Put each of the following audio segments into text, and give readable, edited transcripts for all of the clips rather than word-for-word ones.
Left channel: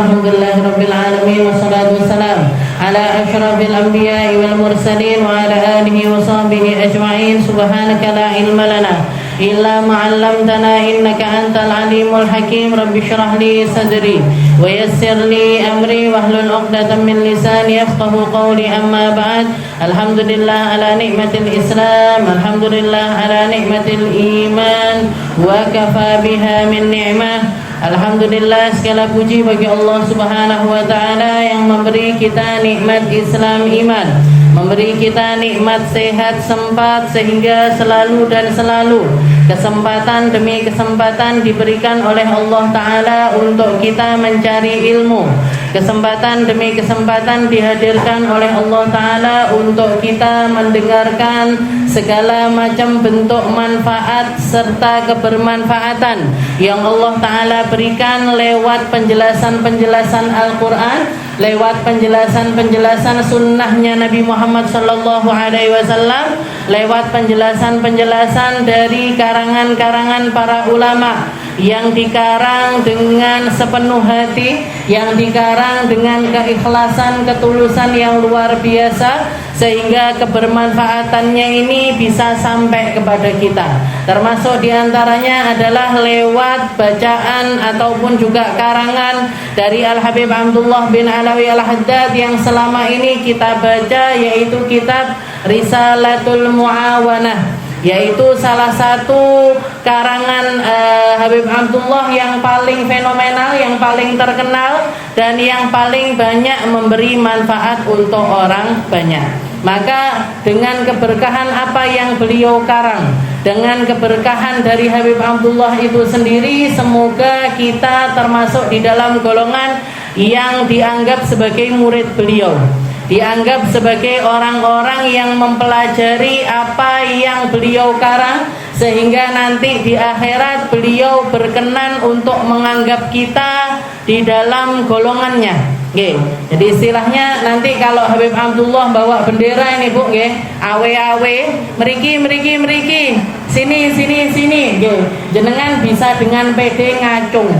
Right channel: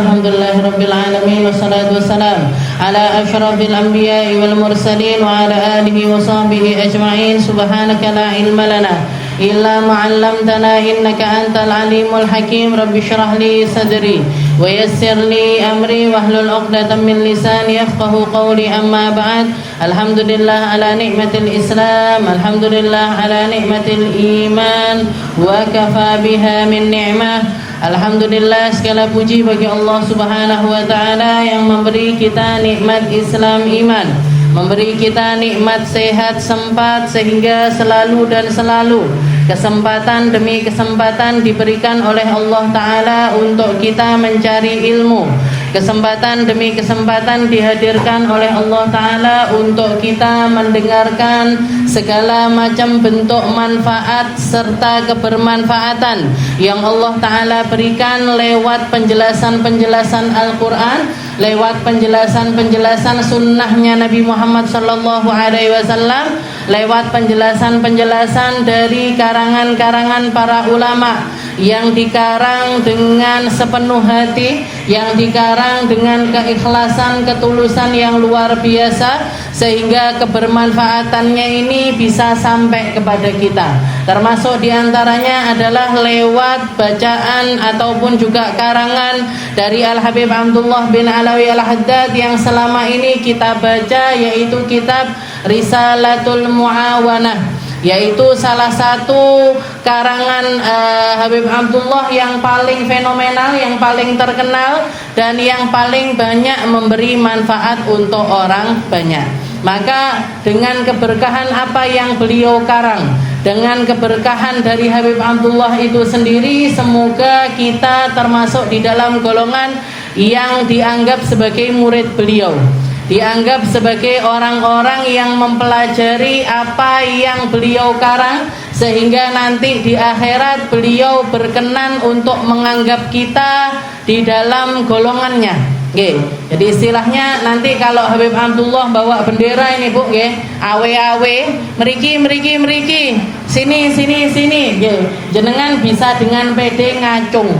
Alhamdulillahirabbil alamin wassalatu wassalam ala asyrafil anbiya'i wal mursalin wa ala alihi wa sahbihi ajma'in. Subhanaka la ilma lana illa ma 'allamtana innaka antal alimul hakim. Rabbi shrah li sadri wa yassir li amri wahlul 'uqdatam min lisani yafqahu qawli. Amma ba'd. Alhamdulillah ala ni'matil Islam, alhamdulillah ala ni'matil iman, wa kafa biha min ni'mah. Alhamdulillah, segala puji bagi Allah Subhanahu wa taala yang memberi kita nikmat Islam iman, memberi kita nikmat sehat sempat sehingga selalu dan selalu kesempatan demi kesempatan diberikan oleh Allah taala untuk kita mencari ilmu. Kesempatan demi kesempatan dihadirkan oleh Allah taala untuk kita mendengarkan segala macam bentuk manfaat serta kebermanfaatan yang Allah taala berikan lewat penjelasan-penjelasan Al-Qur'an, lewat penjelasan-penjelasan sunnahnya Nabi Muhammad sallallahu alaihi wasallam, lewat penjelasan-penjelasan dari karangan-karangan para ulama yang dikarang dengan sepenuh hati, yang dikarang dengan keikhlasan, ketulusan yang luar biasa, sehingga kebermanfaatannya ini bisa sampai kepada kita. Termasuk diantaranya adalah lewat bacaan ataupun juga karangan dari Al-Habib Abdullah bin Alawi Al-Haddad yang selama ini kita baca, yaitu kitab Risalatul Muawanah, yaitu salah satu karangan Habib Abdullah yang paling fenomenal, yang paling terkenal, dan yang paling banyak memberi manfaat untuk orang banyak. Maka dengan keberkahan apa yang beliau karang, dengan keberkahan dari Habib Abdullah itu sendiri, semoga kita termasuk di dalam golongan yang dianggap sebagai murid beliau, dianggap sebagai orang-orang yang mempelajari apa yang beliau karang, sehingga nanti di akhirat beliau berkenan untuk menganggap kita di dalam golongannya. Jadi istilahnya nanti kalau Habib Abdullah bawa bendera ini Bu, awe-awe, meriki, sini, jenengan bisa dengan PD ngacung.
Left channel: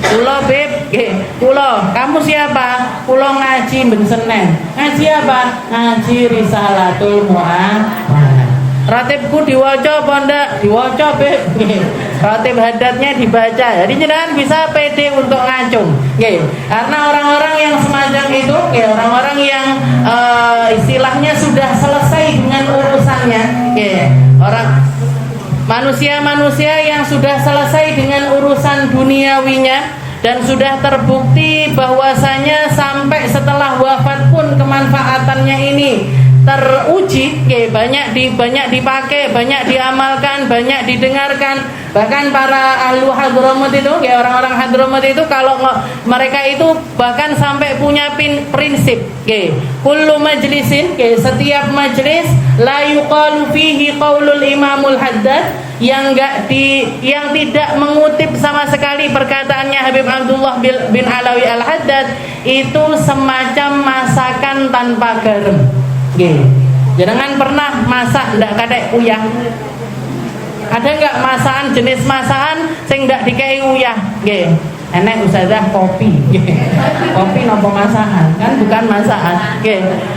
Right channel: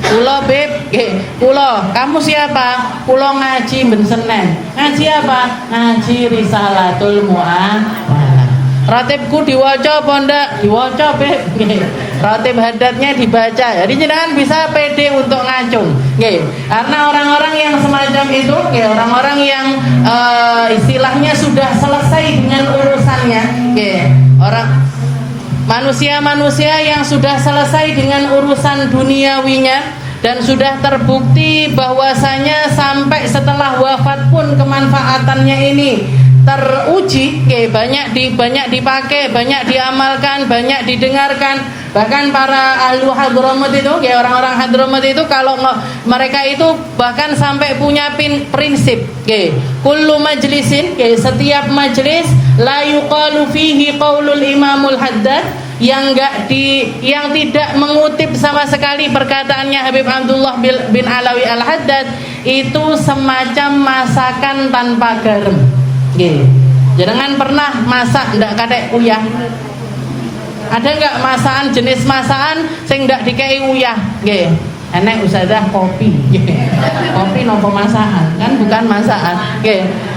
Kulo Beb, kulo, kamu siapa? Kulo ngaji ben Senen. Ngaji apa? Ngaji Risalatul Muawanah. Ratibku diwaca apa ndak? Diwaca Beb. Ratib hadatnya dibaca. Jadi jenengan bisa pede untuk ngacung. Karena orang-orang yang semacam itu, orang-orang yang istilahnya sudah selesai dengan urusannya, orang manusia-manusia yang sudah selesai dengan urusan duniawinya dan sudah terbukti bahwasanya sampai setelah wafat pun kemanfaatannya ini teruji, banyak dipakai, banyak diamalkan, banyak didengarkan. Bahkan para ahlu Hadramut itu, orang-orang Hadramut itu kalau mereka itu bahkan sampai punya prinsip, kullu majlisin, setiap majlis la yuqalu fihi qaulul imamul haddad, yang tidak mengutip sama sekali perkataannya Habib Abdullah bin Alawi Al-Haddad, itu semacam masakan tanpa garam. Jangan pernah masak ndak kadek uyah. Ada enggak masakan, jenis masakan sing ndak dikei uyah? Enek usaha kopi. Kopi nopo masakan? Kan bukan masakan.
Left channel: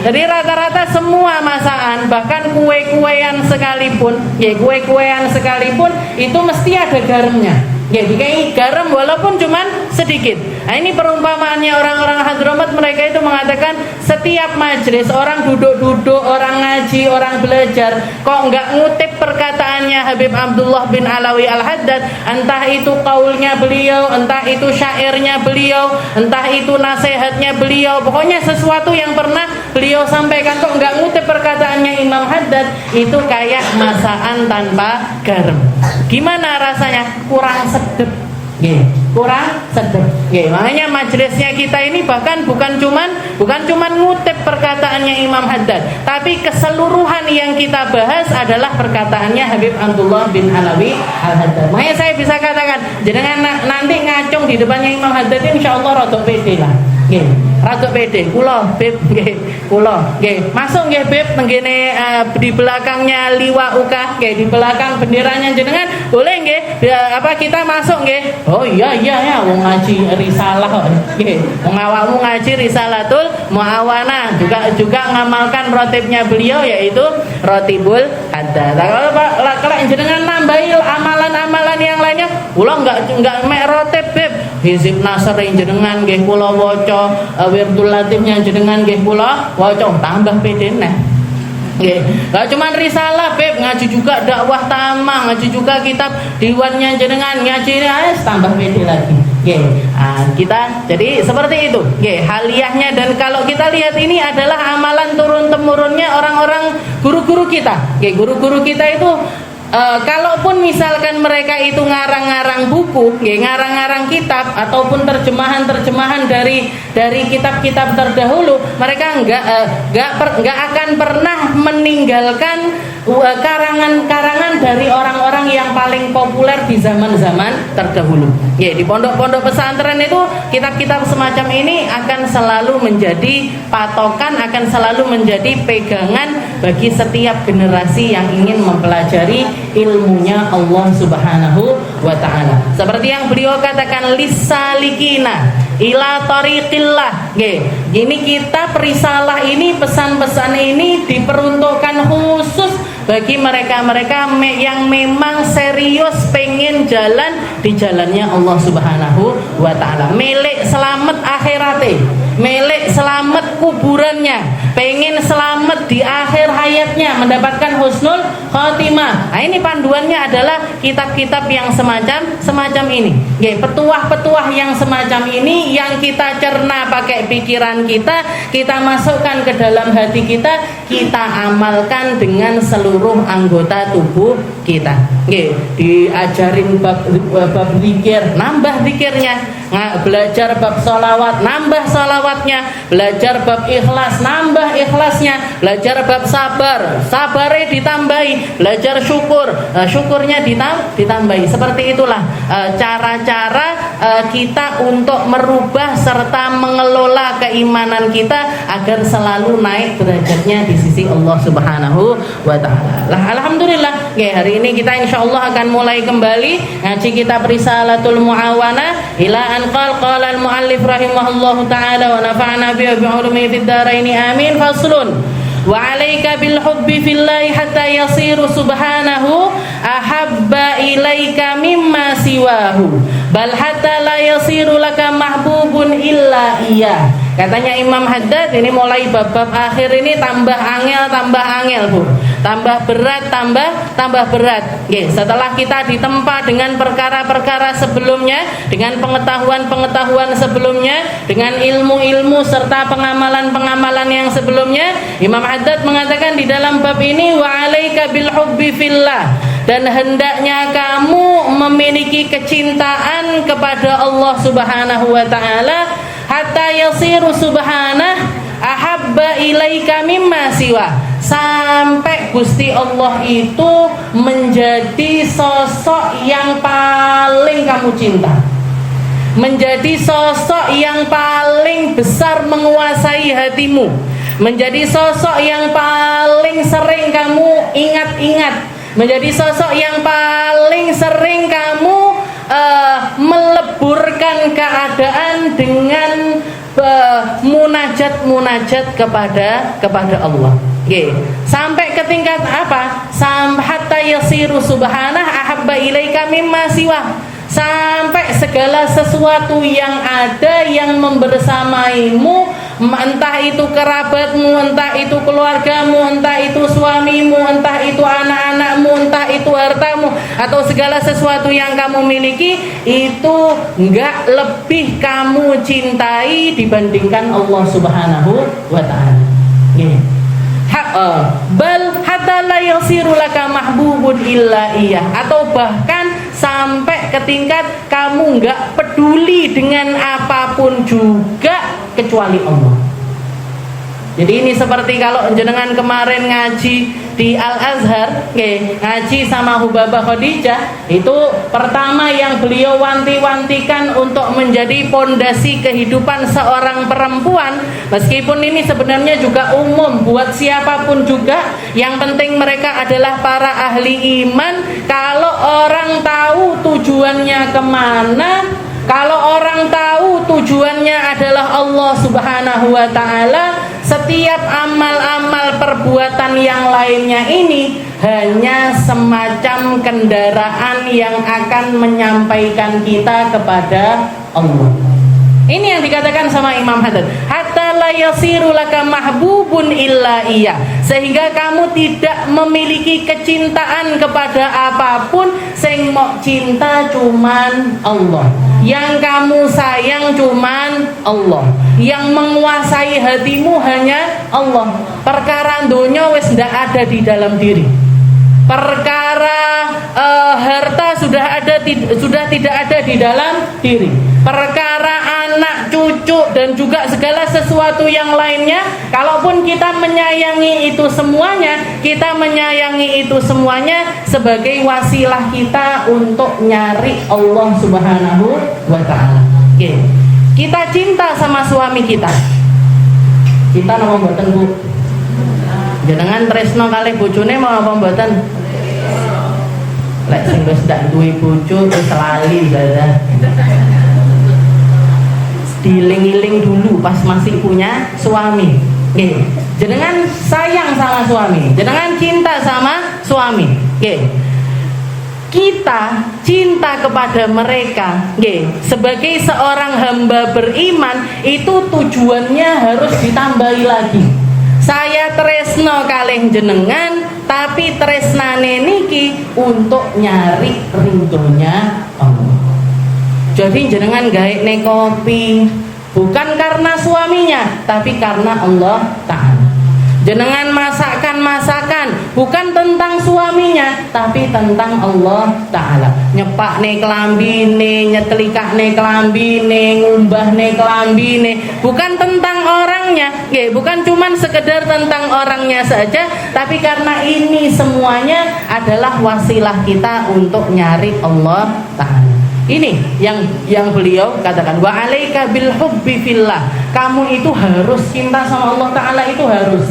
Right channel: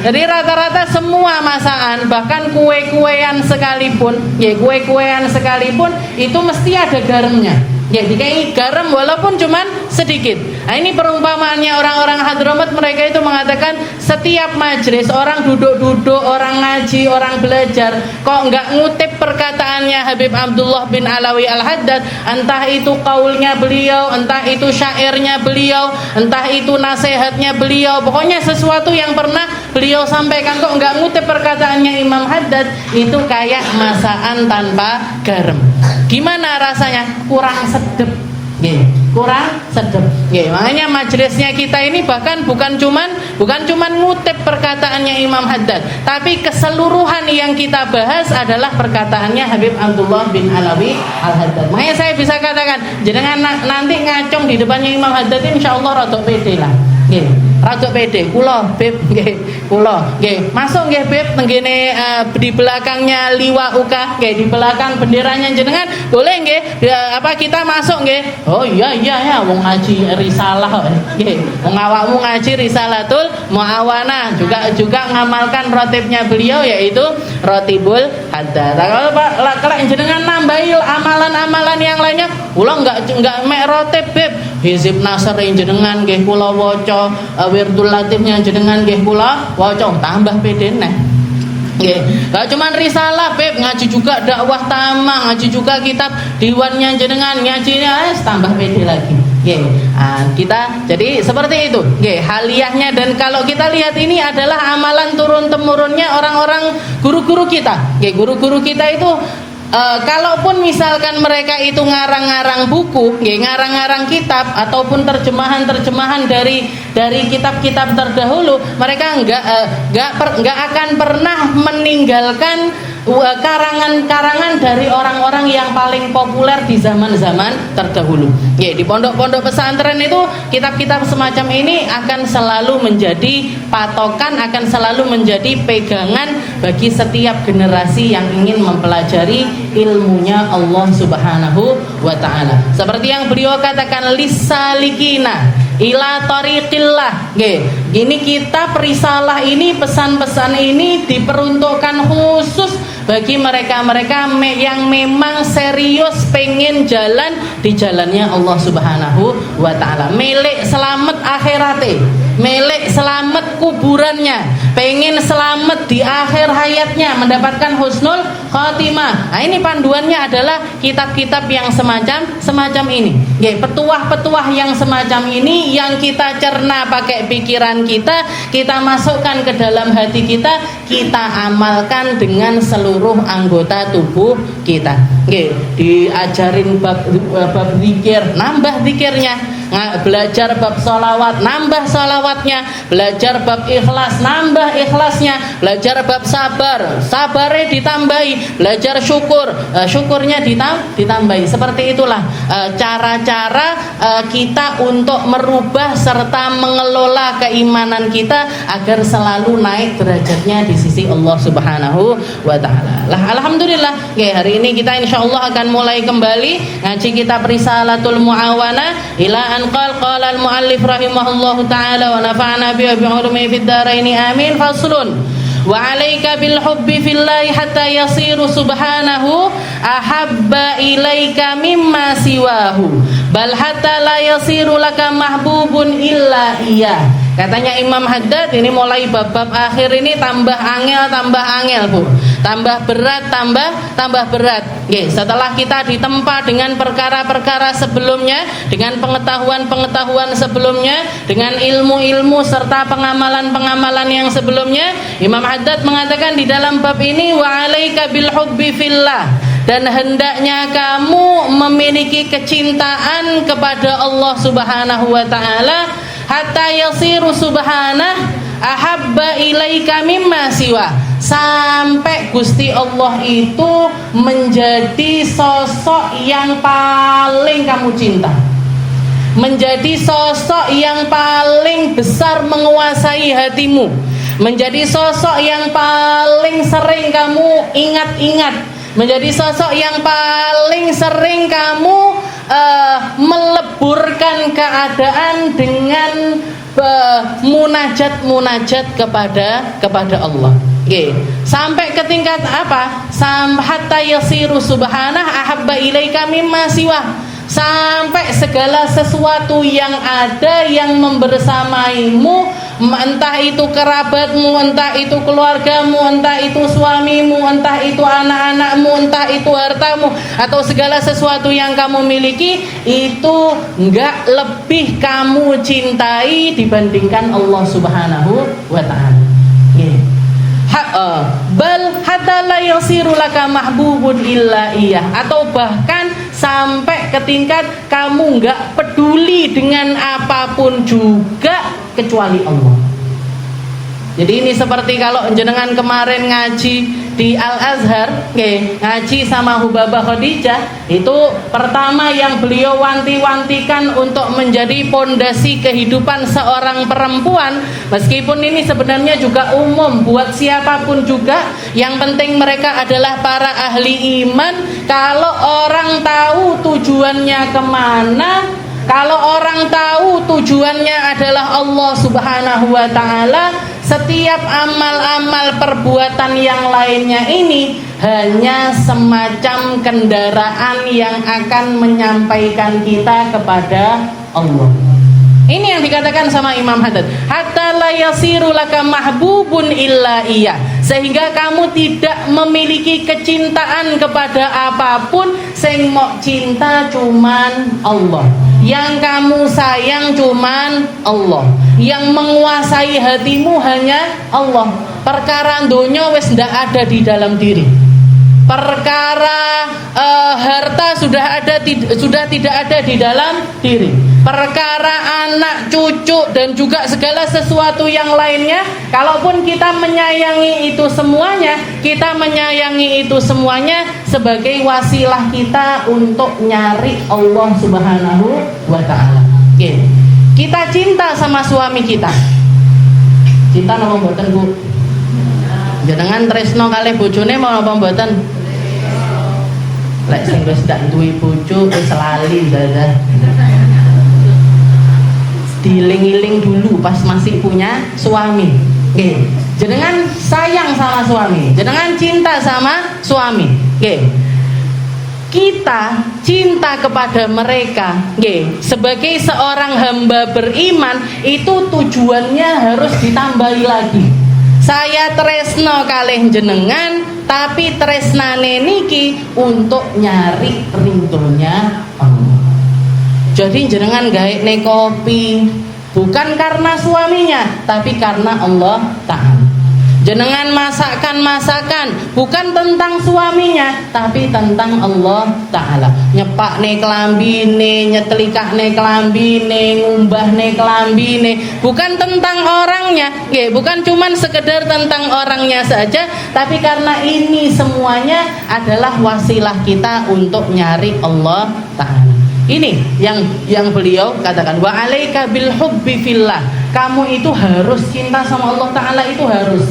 Jadi rata-rata semua masakan, bahkan kue-kuean sekalipun, kue-kuean sekalipun itu mesti ada garamnya. Dikei garam walaupun cuman sedikit. Nah, ini perumpamaannya orang-orang Hadramut, mereka itu mengatakan setiap majelis orang duduk-duduk, orang ngaji, orang belajar, kok enggak ngutip perkataannya Habib Abdullah bin Alawi Al-Haddad, entah itu qaulnya beliau, entah itu syairnya beliau, entah itu nasihatnya beliau, pokoknya sesuatu yang pernah beliau sampaikan kok enggak ngutip perkataannya Imam Haddad, itu kayak masakan tanpa garam. Gimana rasanya? Kurang sedep. Kurang sedep. Makanya majelisnya kita ini bahkan bukan cuman ngutip perkataannya Imam Haddad, tapi keseluruhan yang kita bahas adalah perkataannya Habib Abdullah bin Alawi Al-Haddad. Makanya saya bisa katakan, jenengan nanti ngacung di depannya Imam Haddad, insyaallah rada pede lah. Rada pede. Kula Beb nggih, kula nggih. Masuk nggih Beb tenggene di belakangnya liwa uka nggih, di belakang benderanya jenengan. Boleh nggih? Apa kita masuk nggih? Oh iya ya wong ngaji risalah nggih. Wong awakmu ngaji Risalatul Muawana, juga ngamalkan rotibnya beliau yaitu Rotibul Haddad. Kalau jenengan nambahi amalan-amalan yang lainnya, kula enggak mek rotib Beb. Hizib Nasr jenengan nggih kula waca, Wirdul Latifnya jenengan nggih kula waca, tambah pedene. Nggih, enggak cuma risalah Beb, ngaji juga dakwah tamang, ngaji juga kitab diwannya jenengan, ngajinya tambah pede lagi. Nggih. Kita jadi seperti itu. Nggih, haliyahnya. Dan kalau kita lihat ini adalah amalan turun temurunnya orang-orang guru-guru kita. Nggih, guru-guru kita itu kalaupun misalkan mereka itu ngarang-ngarang buku, ngarang-ngarang kitab ataupun terjemahan-terjemahan dari kitab-kitab terdahulu, mereka enggak akan pernah meninggalkan karangan-karangan dari orang-orang yang paling populer di zaman-zaman terdahulu. Ya, di pondok-pondok pesantren itu kitab-kitab semacam ini akan selalu menjadi patokan, akan selalu menjadi pegangan bagi setiap generasi yang ingin mempelajari ilmunya Allah Subhanahu wa ta'ala. Seperti yang beliau katakan, lisalikina ila tariqillah. Ini kitab risalah ini, pesan-pesan ini diperuntukkan khusus bagi mereka-mereka yang memang serius pengen jalan di jalannya Allah Subhanahu wa ta'ala, milik selamat akhiratnya, milik selamat kuburannya, pengen selamat di akhir hayatnya, mendapatkan husnul khotimah. Nah, ini panduannya adalah kitab-kitab yang semacam ini. Petuah-petuah yang semacam ini yang kita cerna pakai pikiran kita masukkan ke dalam hati kita amalkan dengan seluruh anggota tubuh kita. Diajarin bab zikir, nambah zikirnya. Belajar bab sholawat, nambah sholawatnya. Belajar bab ikhlas, nambah ikhlasnya. Belajar bab sabarnya ditambahi. Belajar syukurnya ditambahi. Seperti itulah cara-cara kita untuk merubah serta mengelola keimanan kita agar selalu naik derajatnya di sisi Allah Subhanahu wa ta'ala. Alhamdulillah, hari ini kita insyaallah akan mulai kembali ngaji kitab Risalatul Muawana ila an qala al-muallif rahimahullahu ta'ala wa nafa'ana bi ulumi fid dharain amin. Faslun wa 'alaika bil hubbi fillahi hatta yasiru subhanahu ahabba ilaika mimma siwahu bal hatta la yasiru laka mahbubun illa iya. Katanya Imam Haddad, ini mulai bab-bab akhir ini tambah angel Bu. Tambah berat, tambah berat. Setelah kita ditempa dengan perkara-perkara sebelumnya, dengan pengetahuan-pengetahuan sebelumnya, dengan ilmu-ilmu serta pengamalan-pengamalan yang sebelumnya, Imam Haddad mengatakan di dalam bab ini, wa 'alaika bil hubbi fillah, dan hendaknya kamu memiliki kecintaan kepada Allah Subhanahu wa ta'ala hatta yasiru subhanah ahabba ilaika mimma siwa, sampai Gusti Allah itu menjadi sosok yang paling kamu cinta, menjadi sosok yang paling besar menguasai hatimu, menjadi sosok yang paling sering kamu ingat-ingat, menjadi sosok yang paling sering kamu meleburkan keadaan dengan munajat kepada Allah. Sampai ke tingkat apa? Hatta yasiru subhanah ahabba ilaika mimma siwa, sampai segala sesuatu yang ada yang membersamaimu, entah itu kerabatmu, entah itu keluargamu, entah itu suamimu, entah itu anak-anakmu, entah itu hartamu, atau segala sesuatu yang kamu miliki, itu enggak lebih kamu cintai dibandingkan Allah Subhanahu wa ta'ala. Bal hatta la yasiru laka mahbubun illa iya, atau bahkan sampai ke tingkat kamu enggak peduli dengan apapun juga kecuali Allah. Jadi ini seperti kalau jenengan kemarin ngaji di Al-Azhar ngaji sama Hubabah Khadijah, itu pertama yang beliau wanti-wantikan untuk menjadi pondasi kehidupan seorang perempuan, meskipun ini sebenarnya juga umum buat siapapun juga, yang penting mereka adalah para ahli iman. Kalau orang tahu tujuannya kemana, kalau orang tahu tujuannya adalah Allah Subhanahu wa ta'ala, setiap amal-amal perbuatan yang lainnya ini hanya semacam kendaraan yang akan menyampaikan kita kepada Allah. Ini yang dikatakan sama Imam Haddad, hatta la yasiru laka mahbubun illa iya, sehingga kamu tidak memiliki kecintaan kepada apapun, sing mok cinta cuman Allah. Yang kamu sayang cuman Allah. Yang menguasai hatimu hanya Allah. Perkara donya wis ndak ada di dalam diri. Perkara harta sudah tidak ada di dalam diri. Perkara anak, cucu dan juga segala sesuatu yang lainnya, kalaupun kita menyayangi itu semuanya, kita menyayangi itu semuanya sebagai wasilah kita untuk nyari Allah Subhanahu wa ta'ala. Oke. Kita cinta sama suami kita. Cinta napa mboten, Bu? Jenengan tresno kalih bojone mau napa mboten? Lek sing wis ndak duwe bojo wis lali dadah. Diling-iling dulu pas masih punya suami. Oke. Jenengan sayang sama suami, jenengan cinta sama suami. Oke. Kita cinta kepada mereka, sebagai seorang hamba beriman, itu tujuannya harus ditambahi lagi. Saya tresno kalih jenengan, tapi tresnane niki untuk nyari ridhonya Allah. Jadi jenengan gaekne kopi bukan karena suaminya, tapi karena Allah Ta'ala. Jenengan masakan bukan tentang suaminya, tapi tentang Allah Ta'ala. Nyepakne kelambine, nyetelikakne kelambine, ngumbahne kelambine, bukan tentang orangnya, bukan cuman sekedar tentang orangnya saja, tapi karena ini semuanya adalah wasilah kita untuk nyari Allah Ta'ala. Ini yang beliau katakan, wa alaika bil hubbi fillah. Kamu itu harus cinta sama Allah Ta'ala, itu harus.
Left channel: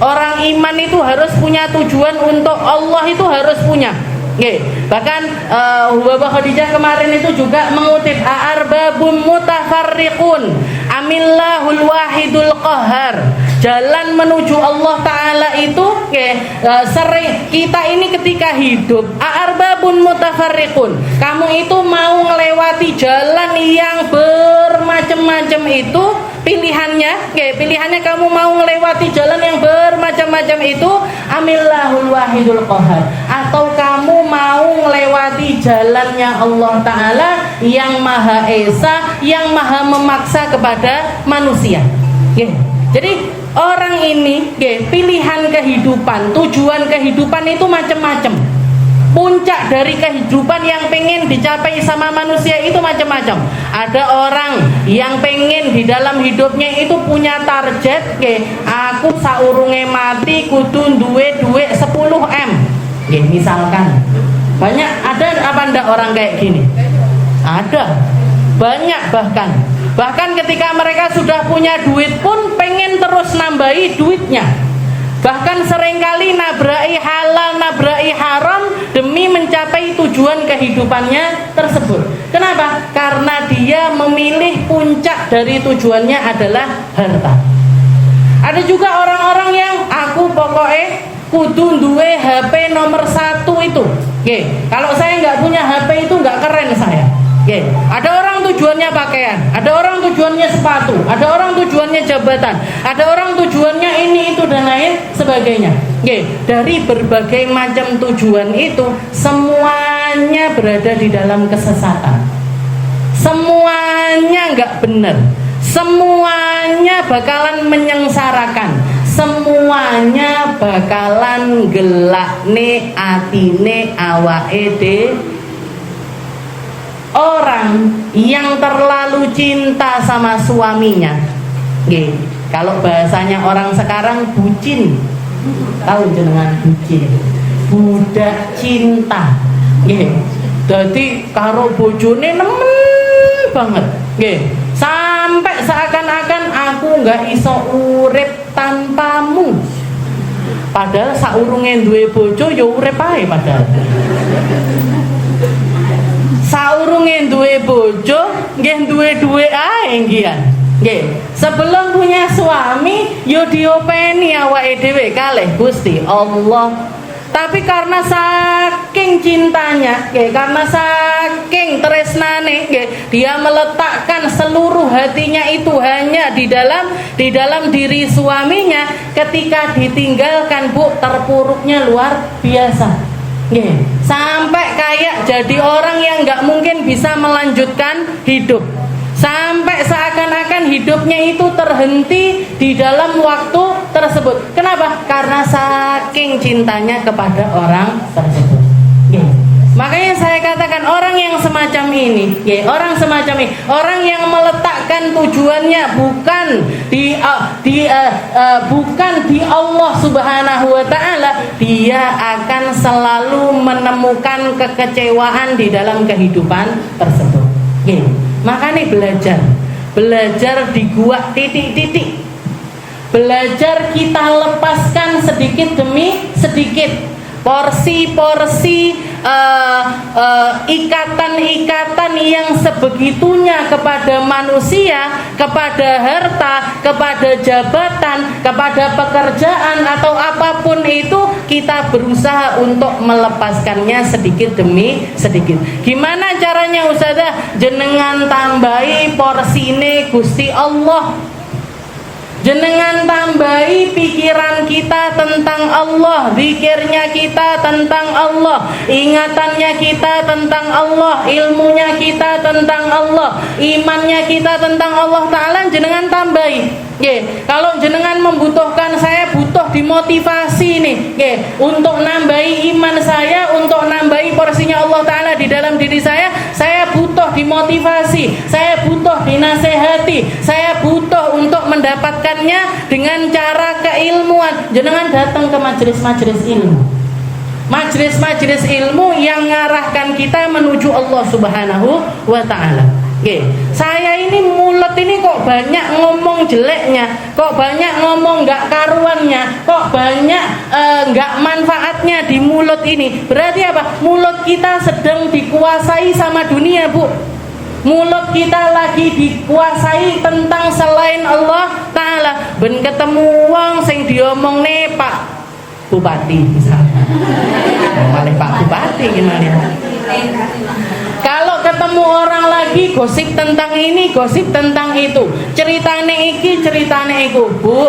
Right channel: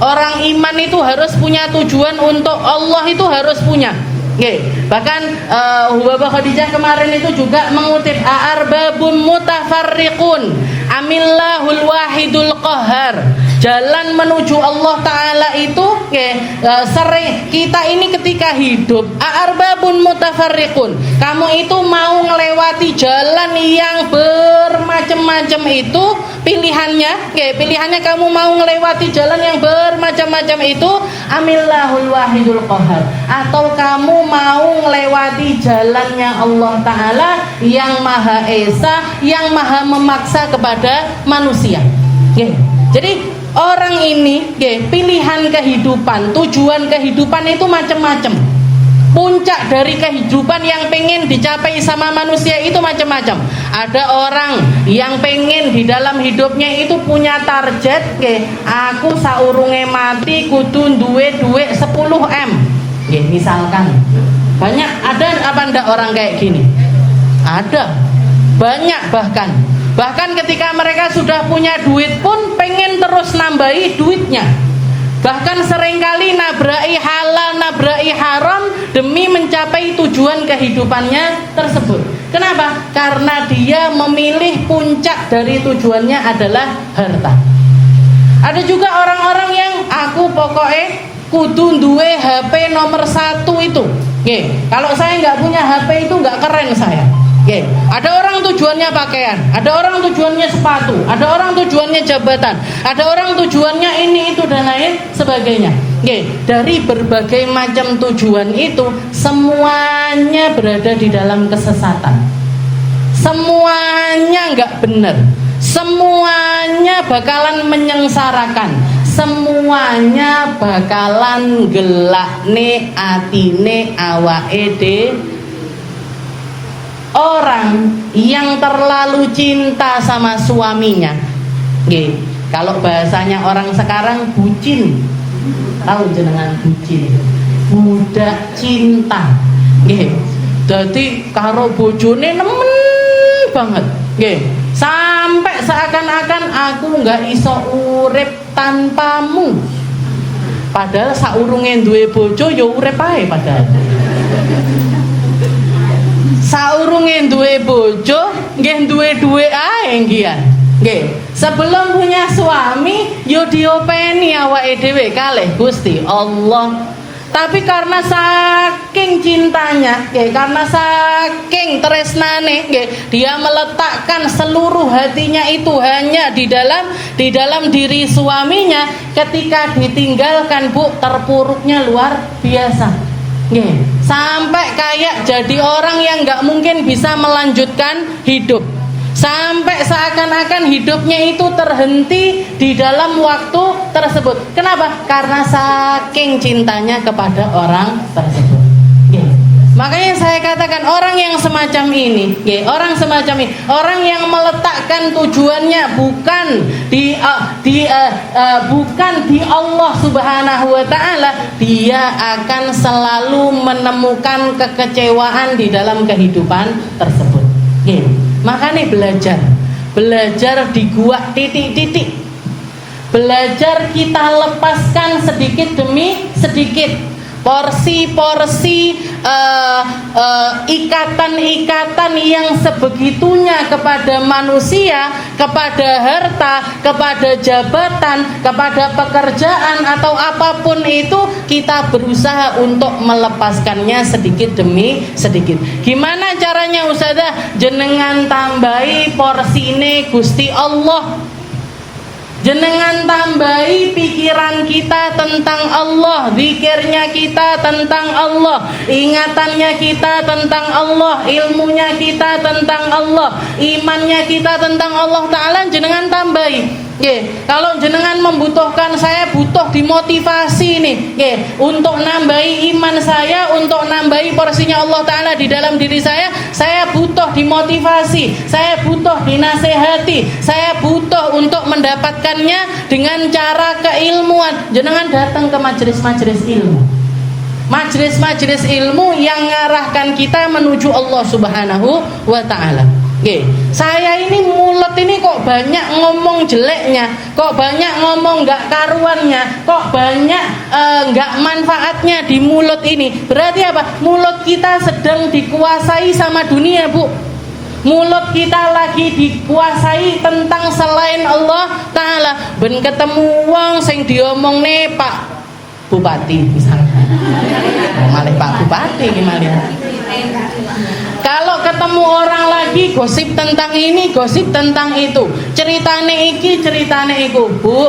Orang iman itu harus punya tujuan untuk Allah, itu harus punya. Bahkan Hubabah Khadijah kemarin itu juga mengutip, a'arbabun mutafarriqun amillahul wahidul qahar. Jalan menuju Allah Ta'ala itu sering kita ini ketika hidup, a'arbabun mutafarriqun, kamu itu mau melewati jalan yang bermacam-macam itu pilihannya kamu mau melewati jalan yang bermacam-macam itu, amillahul wahidul qahar, atau kamu mau melewati jalannya Allah Ta'ala yang Maha Esa, yang Maha memaksa kepada manusia. Jadi orang ini pilihan kehidupan, tujuan kehidupan itu macam-macam. Puncak dari kehidupan yang pengen dicapai sama manusia itu macam-macam. Ada orang yang pengen di dalam hidupnya itu punya target, aku saurunge mati kudu duwe 10M. Misalkan banyak, ada apa ndak orang kayak gini? Ada, banyak. Bahkan ketika mereka sudah punya duit pun pengen terus nambahi duitnya. Bahkan seringkali nabrai halal, nabrai haram demi mencapai tujuan kehidupannya tersebut. Kenapa? Karena dia memilih puncak dari tujuannya adalah harta. Ada juga orang-orang yang aku pokoknya kudu duwe HP nomor 1 itu. Kalau saya nggak punya HP itu nggak keren saya. Ada orang tujuannya pakaian, ada orang tujuannya sepatu, ada orang tujuannya jabatan, ada orang tujuannya ini itu dan lain sebagainya. Dari berbagai macam tujuan itu, semuanya berada di dalam kesesatan. Semuanya nggak benar, semuanya bakalan menyengsarakan, semuanya bakalan gelakne atine awake dhewe. Orang yang terlalu cinta sama suaminya, kalau bahasanya orang sekarang bucin, Tahu jenengan bucin, budak cinta. Nggih. Dadi karo bojone nemen banget. Nggih. Sampai seakan-akan aku nggak iso urip tanpamu. Padahal saurunge duwe bojo ya urip ae padahal. Saurunge duwe bojo nggih duwe ae nggih. Nggih, sebelum punya suami yo diopeni awake dhewe kalih Gusti Allah. Tapi karena saking cintanya, karena saking tresnane, dia meletakkan seluruh hatinya itu hanya di dalam diri suaminya. Ketika ditinggalkan, Bu, terpuruknya luar biasa. Sampai kayak jadi orang yang nggak mungkin bisa melanjutkan hidup. Sampai seakan-akan hidupnya itu terhenti di dalam waktu tersebut. Kenapa? Karena saking cintanya kepada orang tersebut. Makanya saya katakan orang yang semacam ini, orang yang meletakkan tujuannya bukan bukan di Allah Subhanahu wa taala, dia akan selalu menemukan kekecewaan di dalam kehidupan tersebut. Makanya belajar di gua titik-titik. Belajar kita lepaskan sedikit demi sedikit porsi-porsi ikatan-ikatan yang sebegitunya kepada manusia, kepada harta, kepada jabatan, kepada pekerjaan atau apapun itu, kita berusaha untuk melepaskannya sedikit demi sedikit. Gimana caranya Ustazah? Jenengan tambahi porsine Gusti Allah. Jenengan tambahi pikiran kita tentang Allah, zikirnya kita tentang Allah, ingatannya kita tentang Allah, ilmunya kita tentang Allah, imannya kita tentang Allah Ta'ala, jenengan tambahi. Kalau jenengan membutuhkan, saya butuh dimotivasi nih, untuk nambahi iman saya, untuk nambahi porsinya Allah Ta'ala di dalam diri saya butuh dimotivasi, saya butuh dinasehati, saya butuh untuk mendapatkannya dengan cara keilmuan. Jenengan datang ke majelis-majelis ilmu, majelis-majelis ilmu yang mengarahkan kita menuju Allah Subhanahu wa Ta'ala. Saya ini mulut ini kok banyak ngomong jeleknya, kok banyak ngomong gak karuannya, kok banyak gak manfaatnya di mulut ini. Berarti apa? Mulut kita sedang dikuasai sama dunia, Bu. Mulut kita lagi dikuasai tentang selain Allah Ta'ala. Ben ketemu wong sing diomongne Pak Bupati misalnya, oleh Pak Bupati gimana? Kalau ketemu orang lagi gosip tentang ini, gosip tentang itu, ceritane iki, ceritane iku, Bu,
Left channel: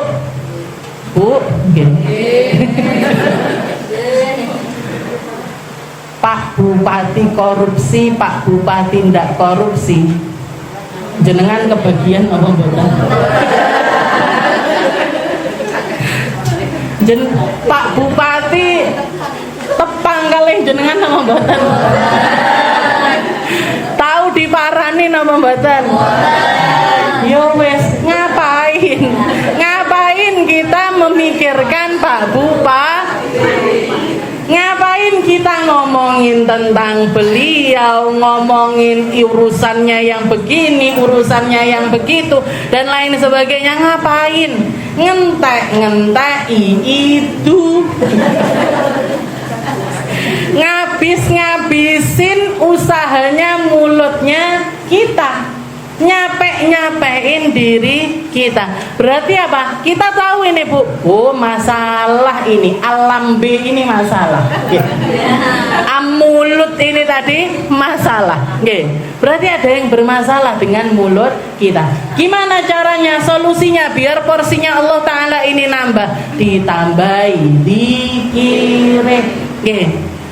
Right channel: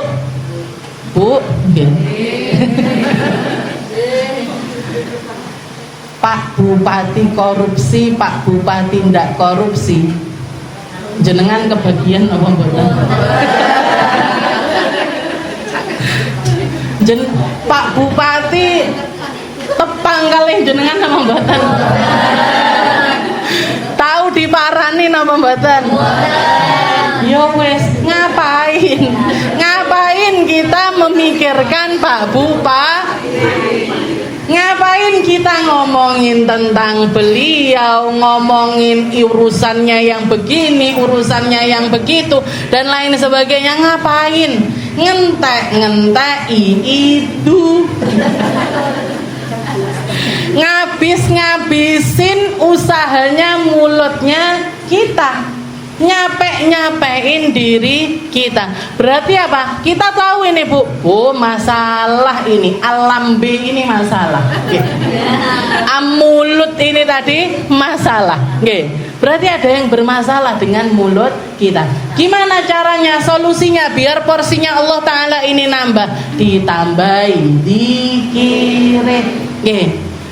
Pak Bupati korupsi, Pak Bupati ndak korupsi, jenengan kebagian apa mboten? Pak Bupati tepang kalih jenengan apa mboten? Tahu diparani napa mboten? Ya wes, ngapain kita memikirkan Pak Bupati? Ngapain kita ngomongin tentang beliau, ngomongin urusannya yang begini, urusannya yang begitu, dan lain sebagainya? Ngapain? Ngentek-ngenteki itu. Ngabisin usahanya mulutnya kita, nyapein diri kita. Berarti apa? Kita tahu ini, Bu, masalah ini, alam B ini masalah, mulut ini tadi masalah. Berarti ada yang bermasalah dengan mulut kita. Gimana caranya? Solusinya biar porsinya Allah Ta'ala ini nambah, ditambahi dikire.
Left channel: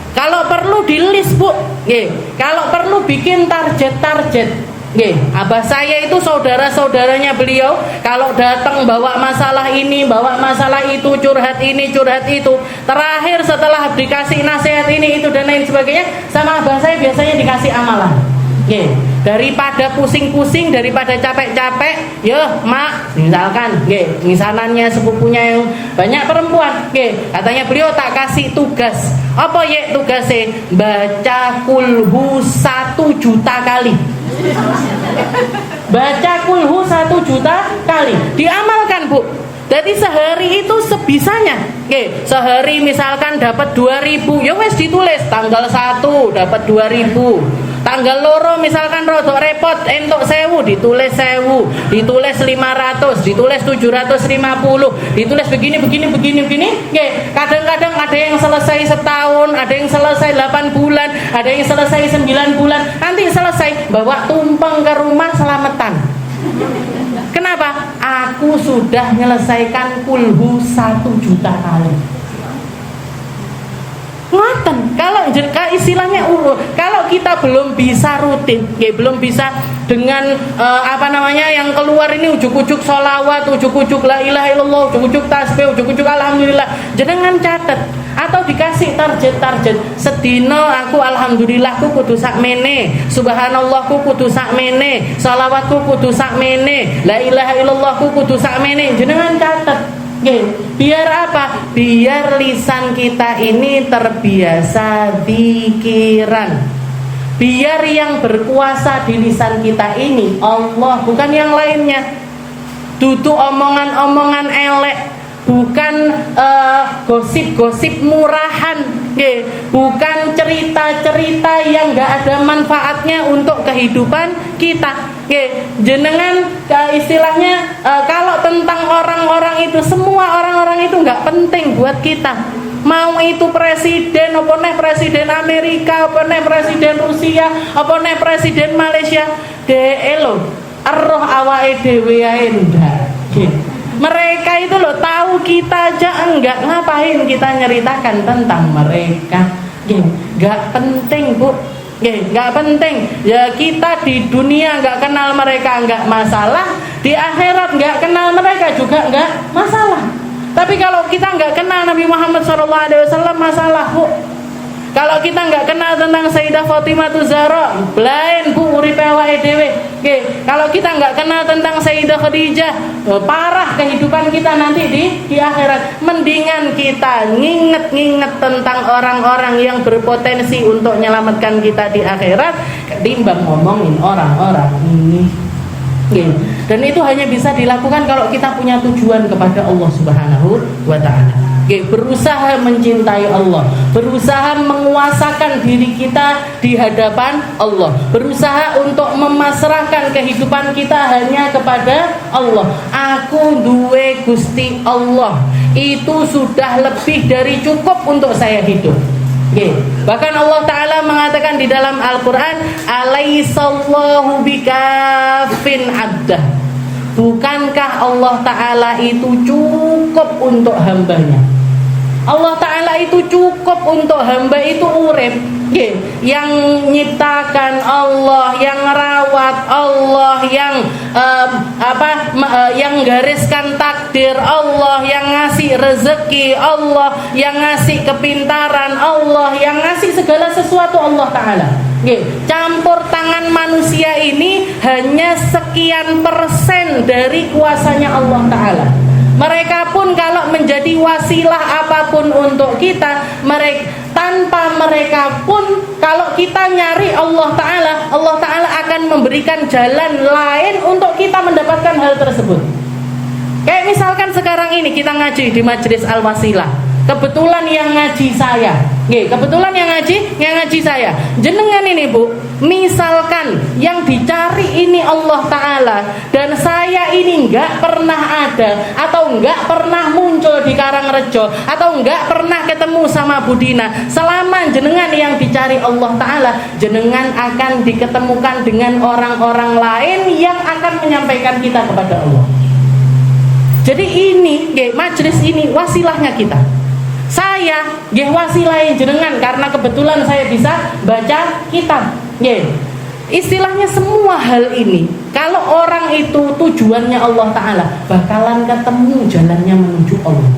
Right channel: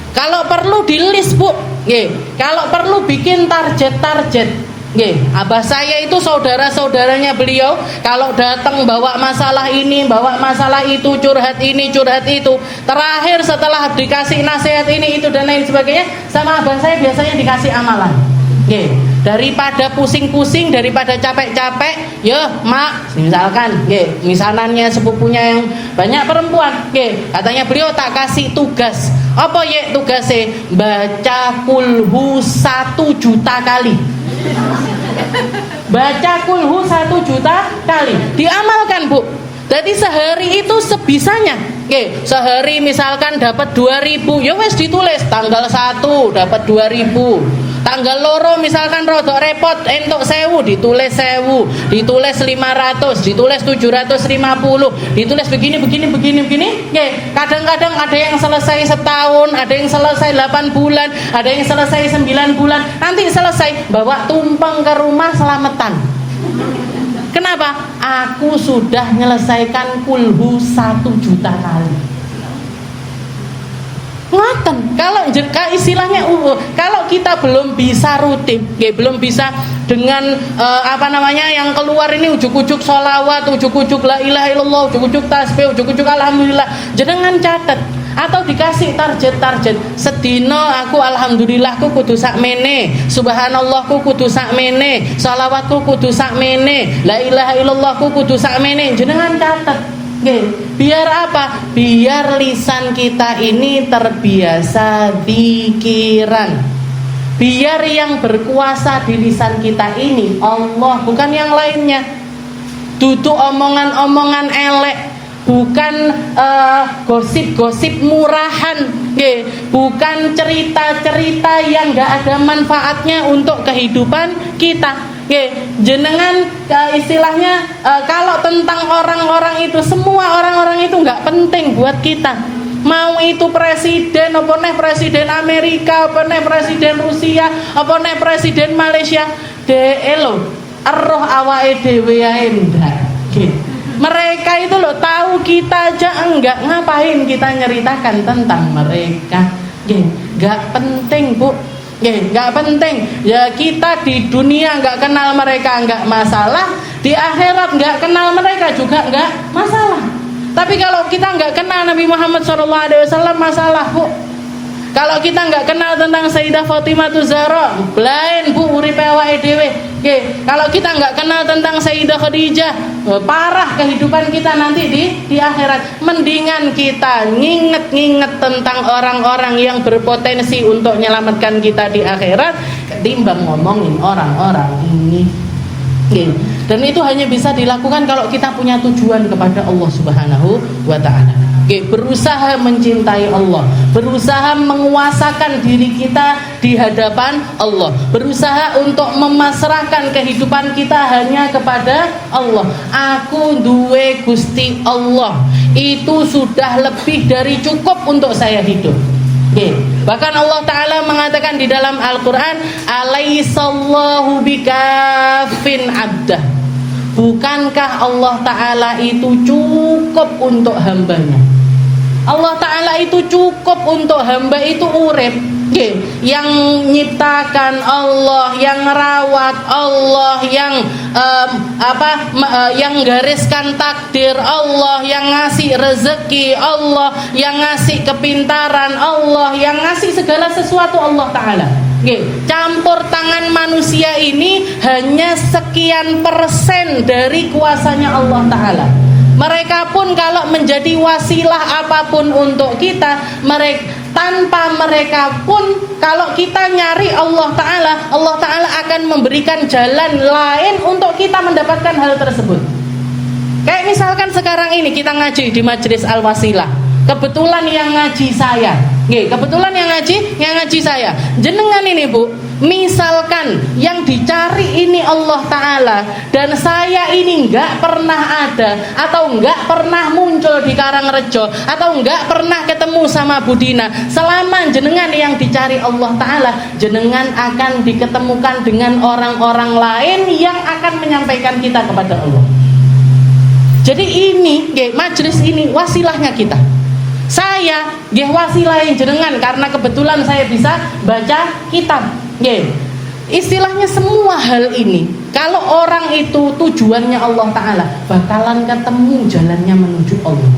Kalau perlu di list, Bu. Kalau perlu bikin target. Abah saya itu saudara-saudaranya beliau, kalau datang bawa masalah ini, bawa masalah itu, curhat ini, curhat itu, terakhir setelah dikasih nasihat ini, itu dan lain sebagainya, sama abah saya biasanya dikasih amalan. Nggih, daripada pusing-pusing, daripada capek-capek, ya mak, misalkan, nggih, misanannya sepupunya yang banyak perempuan, nggih, katanya beliau tak kasih tugas. Apa ya tugasnya? Baca kulhu 1 juta kali. Baca kulhu 1 juta kali. Diamalkan, Bu. Jadi sehari itu sebisanya. Oke, sehari misalkan dapat 2000, ya wes ditulis tanggal 1 dapat 2000. Tanggal loro misalkan rodok repot entuk 1000, ditulis 1000, ditulis 500, ditulis 750, ditulis begini. Oke, kadang-kadang ada yang selesai setahun, ada yang selesai 8 bulan, ada yang selesai 9 bulan. Nanti selesai bawa tumpeng ke rumah selamatan. Kenapa? Aku sudah menyelesaikan kulhu 1 juta kali. Ngoten, kalau istilahnya kalau kita belum bisa rutin, belum bisa dengan yang keluar ini ujuk-ujuk sholawat, ujuk-ujuk la ilaha illallah, ujuk-ujuk tasbih, ujuk-ujuk alhamdulillah, jenengan catet atau dikasih target sedina aku alhamdulillahku kudu sakmene, subhanallahku kudu sakmene, sholawatku kudu sakmene, la ilaha illallahku kudu sakmene, jenengan catet. Biar apa? Biar lisan kita ini terbiasa pikiran. Biar yang berkuasa di lisan kita ini Allah, bukan yang lainnya. Duduk omongan-omongan elek, bukan gosip-gosip murahan, bukan cerita-cerita yang gak ada manfaatnya untuk kehidupan kita. Jenengan istilahnya kalau tentang orang-orang itu, semua orang-orang itu nggak penting buat kita. Mau itu presiden, apa nih presiden Amerika, apa nih presiden Rusia, apa nih presiden Malaysia, elo arroh awake dhewe ae ndak. Mereka itu loh tahu kita aja enggak, ngapain kita nyeritakan tentang mereka? Nggak penting, Bu. Nggak penting. Ya kita di dunia nggak kenal mereka nggak masalah, di akhirat nggak kenal mereka juga nggak masalah. Tapi kalau kita nggak kenal Nabi Muhammad SAW masalah, Bu. Kalau kita nggak kenal tentang Sayyidah Fatimah Zahra, lain, Bu, uripe awake dhewe. Kalau kita nggak kenal tentang Sayyidah Khadijah, parah kehidupan kita nanti di akhirat. Mendingan kita nginget tentang orang-orang yang berpotensi untuk menyelamatkan kita di akhirat ketimbang ngomongin orang-orang ini. Dan itu hanya bisa dilakukan kalau kita punya tujuan kepada Allah Subhanahu wa Ta'ala. Berusaha mencintai Allah, berusaha menguasakan diri kita di hadapan Allah, berusaha untuk memasrahkan kehidupan kita hanya kepada Allah. Aku duwe Gusti Allah, itu sudah lebih dari cukup untuk saya hidup. Bahkan Allah Ta'ala mengatakan di dalam Al-Quran, alaihissallahu bikafin abdah. Bukankah Allah Ta'ala itu cukup untuk hambanya? Allah Ta'ala itu cukup untuk hamba itu urip. Yang nyiptakan Allah, yang rawat Allah, yang gariskan takdir Allah, yang ngasih rezeki Allah, yang ngasih kepintaran Allah, yang ngasih segala sesuatu Allah Ta'ala. Campur tangan manusia ini hanya sekian persen dari kuasanya Allah Ta'ala. Mereka pun kalau menjadi wasilah apapun untuk kita, tanpa mereka pun kalau kita nyari Allah Ta'ala akan memberikan jalan lain untuk kita mendapatkan hal tersebut. Kayak misalkan sekarang ini kita ngaji di Majelis Al-Wasilah. Kebetulan yang ngaji saya. Kebetulan yang ngaji saya. Jenengan ini, Bu, misalkan yang dicari ini Allah Ta'ala dan saya ini nggak pernah ada atau nggak pernah muncul di Karangrejo atau nggak pernah ketemu sama Budina, selama jenengan yang dicari Allah Ta'ala, jenengan akan diketemukan dengan orang-orang lain yang akan menyampaikan kita kepada Allah. Jadi ini majelis ini wasilahnya kita. Saya wasilahin jenengan karena kebetulan saya bisa baca kitab. Istilahnya semua hal ini, kalau orang itu tujuannya Allah Ta'ala, bakalan ketemu jalannya menuju Allah.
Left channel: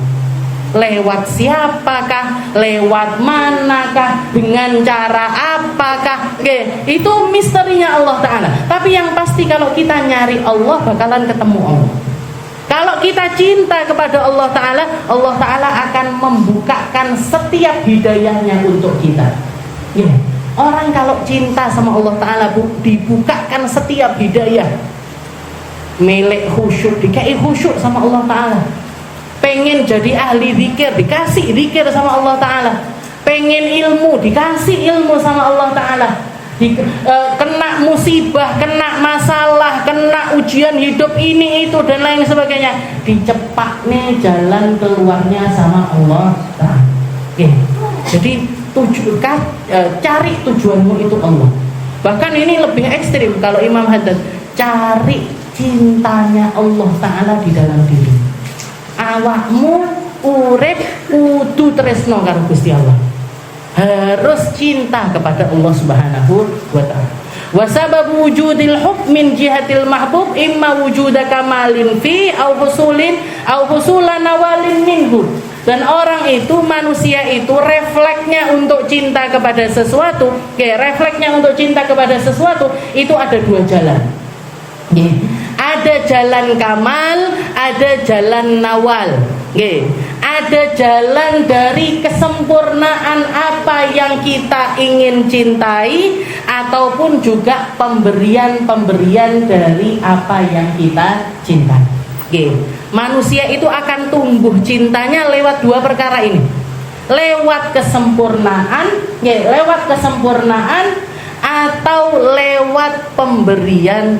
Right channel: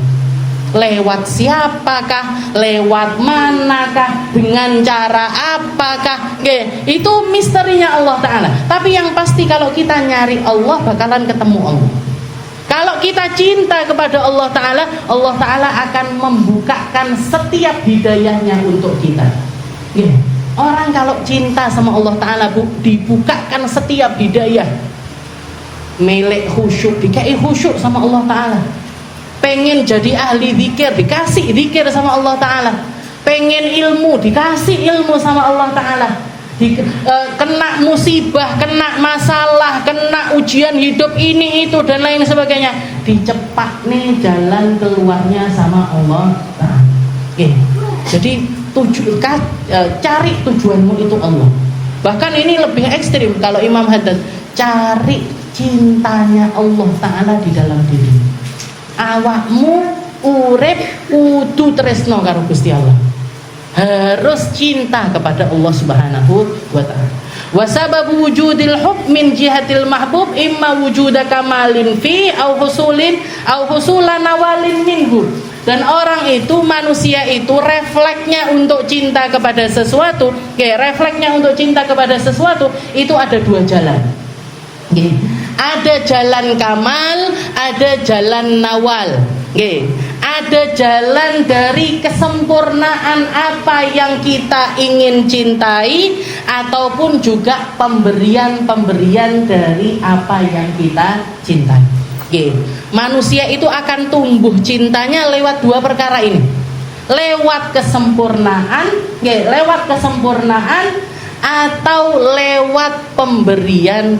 Lewat siapakah, lewat manakah, dengan cara apakah, Nggih, itu misterinya Allah Ta'ala. Tapi yang pasti kalau kita nyari Allah bakalan ketemu Allah. Kalau kita cinta kepada Allah Ta'ala, Allah Ta'ala akan membukakan setiap hidayahnya untuk kita. Nggih. Orang kalau cinta sama Allah Ta'ala dibukakan setiap hidayah. Melek khusyuk, dikai khusyuk sama Allah Ta'ala. Pengen jadi ahli zikir, dikasih zikir sama Allah Ta'ala. Pengen ilmu, dikasih ilmu sama Allah Ta'ala. Kena musibah, kena masalah, kena ujian hidup ini itu dan lain sebagainya, dicepaknya jalan keluarnya sama Allah Ta'ala. Jadi cari tujuanmu itu Allah. Bahkan ini lebih ekstrim kalau Imam Haddad, cari cintanya Allah Ta'ala di dalam diri. Awakmu urip kudu tresno karo Gusti Allah. Harus cinta kepada Allah Subhanahu wa ta'ala. Wa sababu wujudil hub min jihatil mahbub imma wujuda kamalin fi au husulan awalin minhu. Dan orang itu, manusia itu refleksnya untuk cinta kepada sesuatu, refleksnya untuk cinta kepada sesuatu itu ada dua jalan. Ada jalan kamal, ada jalan nawal. Ada jalan dari kesempurnaan apa yang kita ingin cintai, ataupun juga pemberian-pemberian dari apa yang kita cintai. Manusia itu akan tumbuh cintanya lewat dua perkara ini. Lewat kesempurnaan, atau lewat pemberian.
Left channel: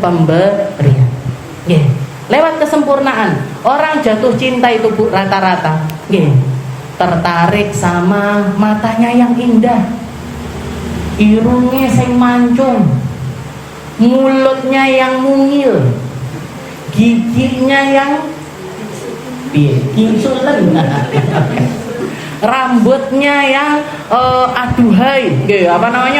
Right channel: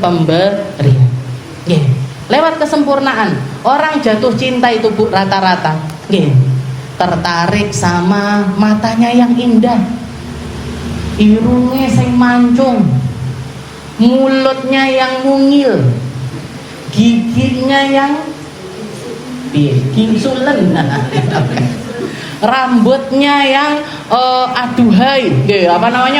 Lewat kesempurnaan. Orang jatuh cinta itu rata-rata tertarik sama matanya yang indah, irungnya sing mancung, mulutnya yang mungil, giginya yang gingsulen, rambutnya yang aduhai,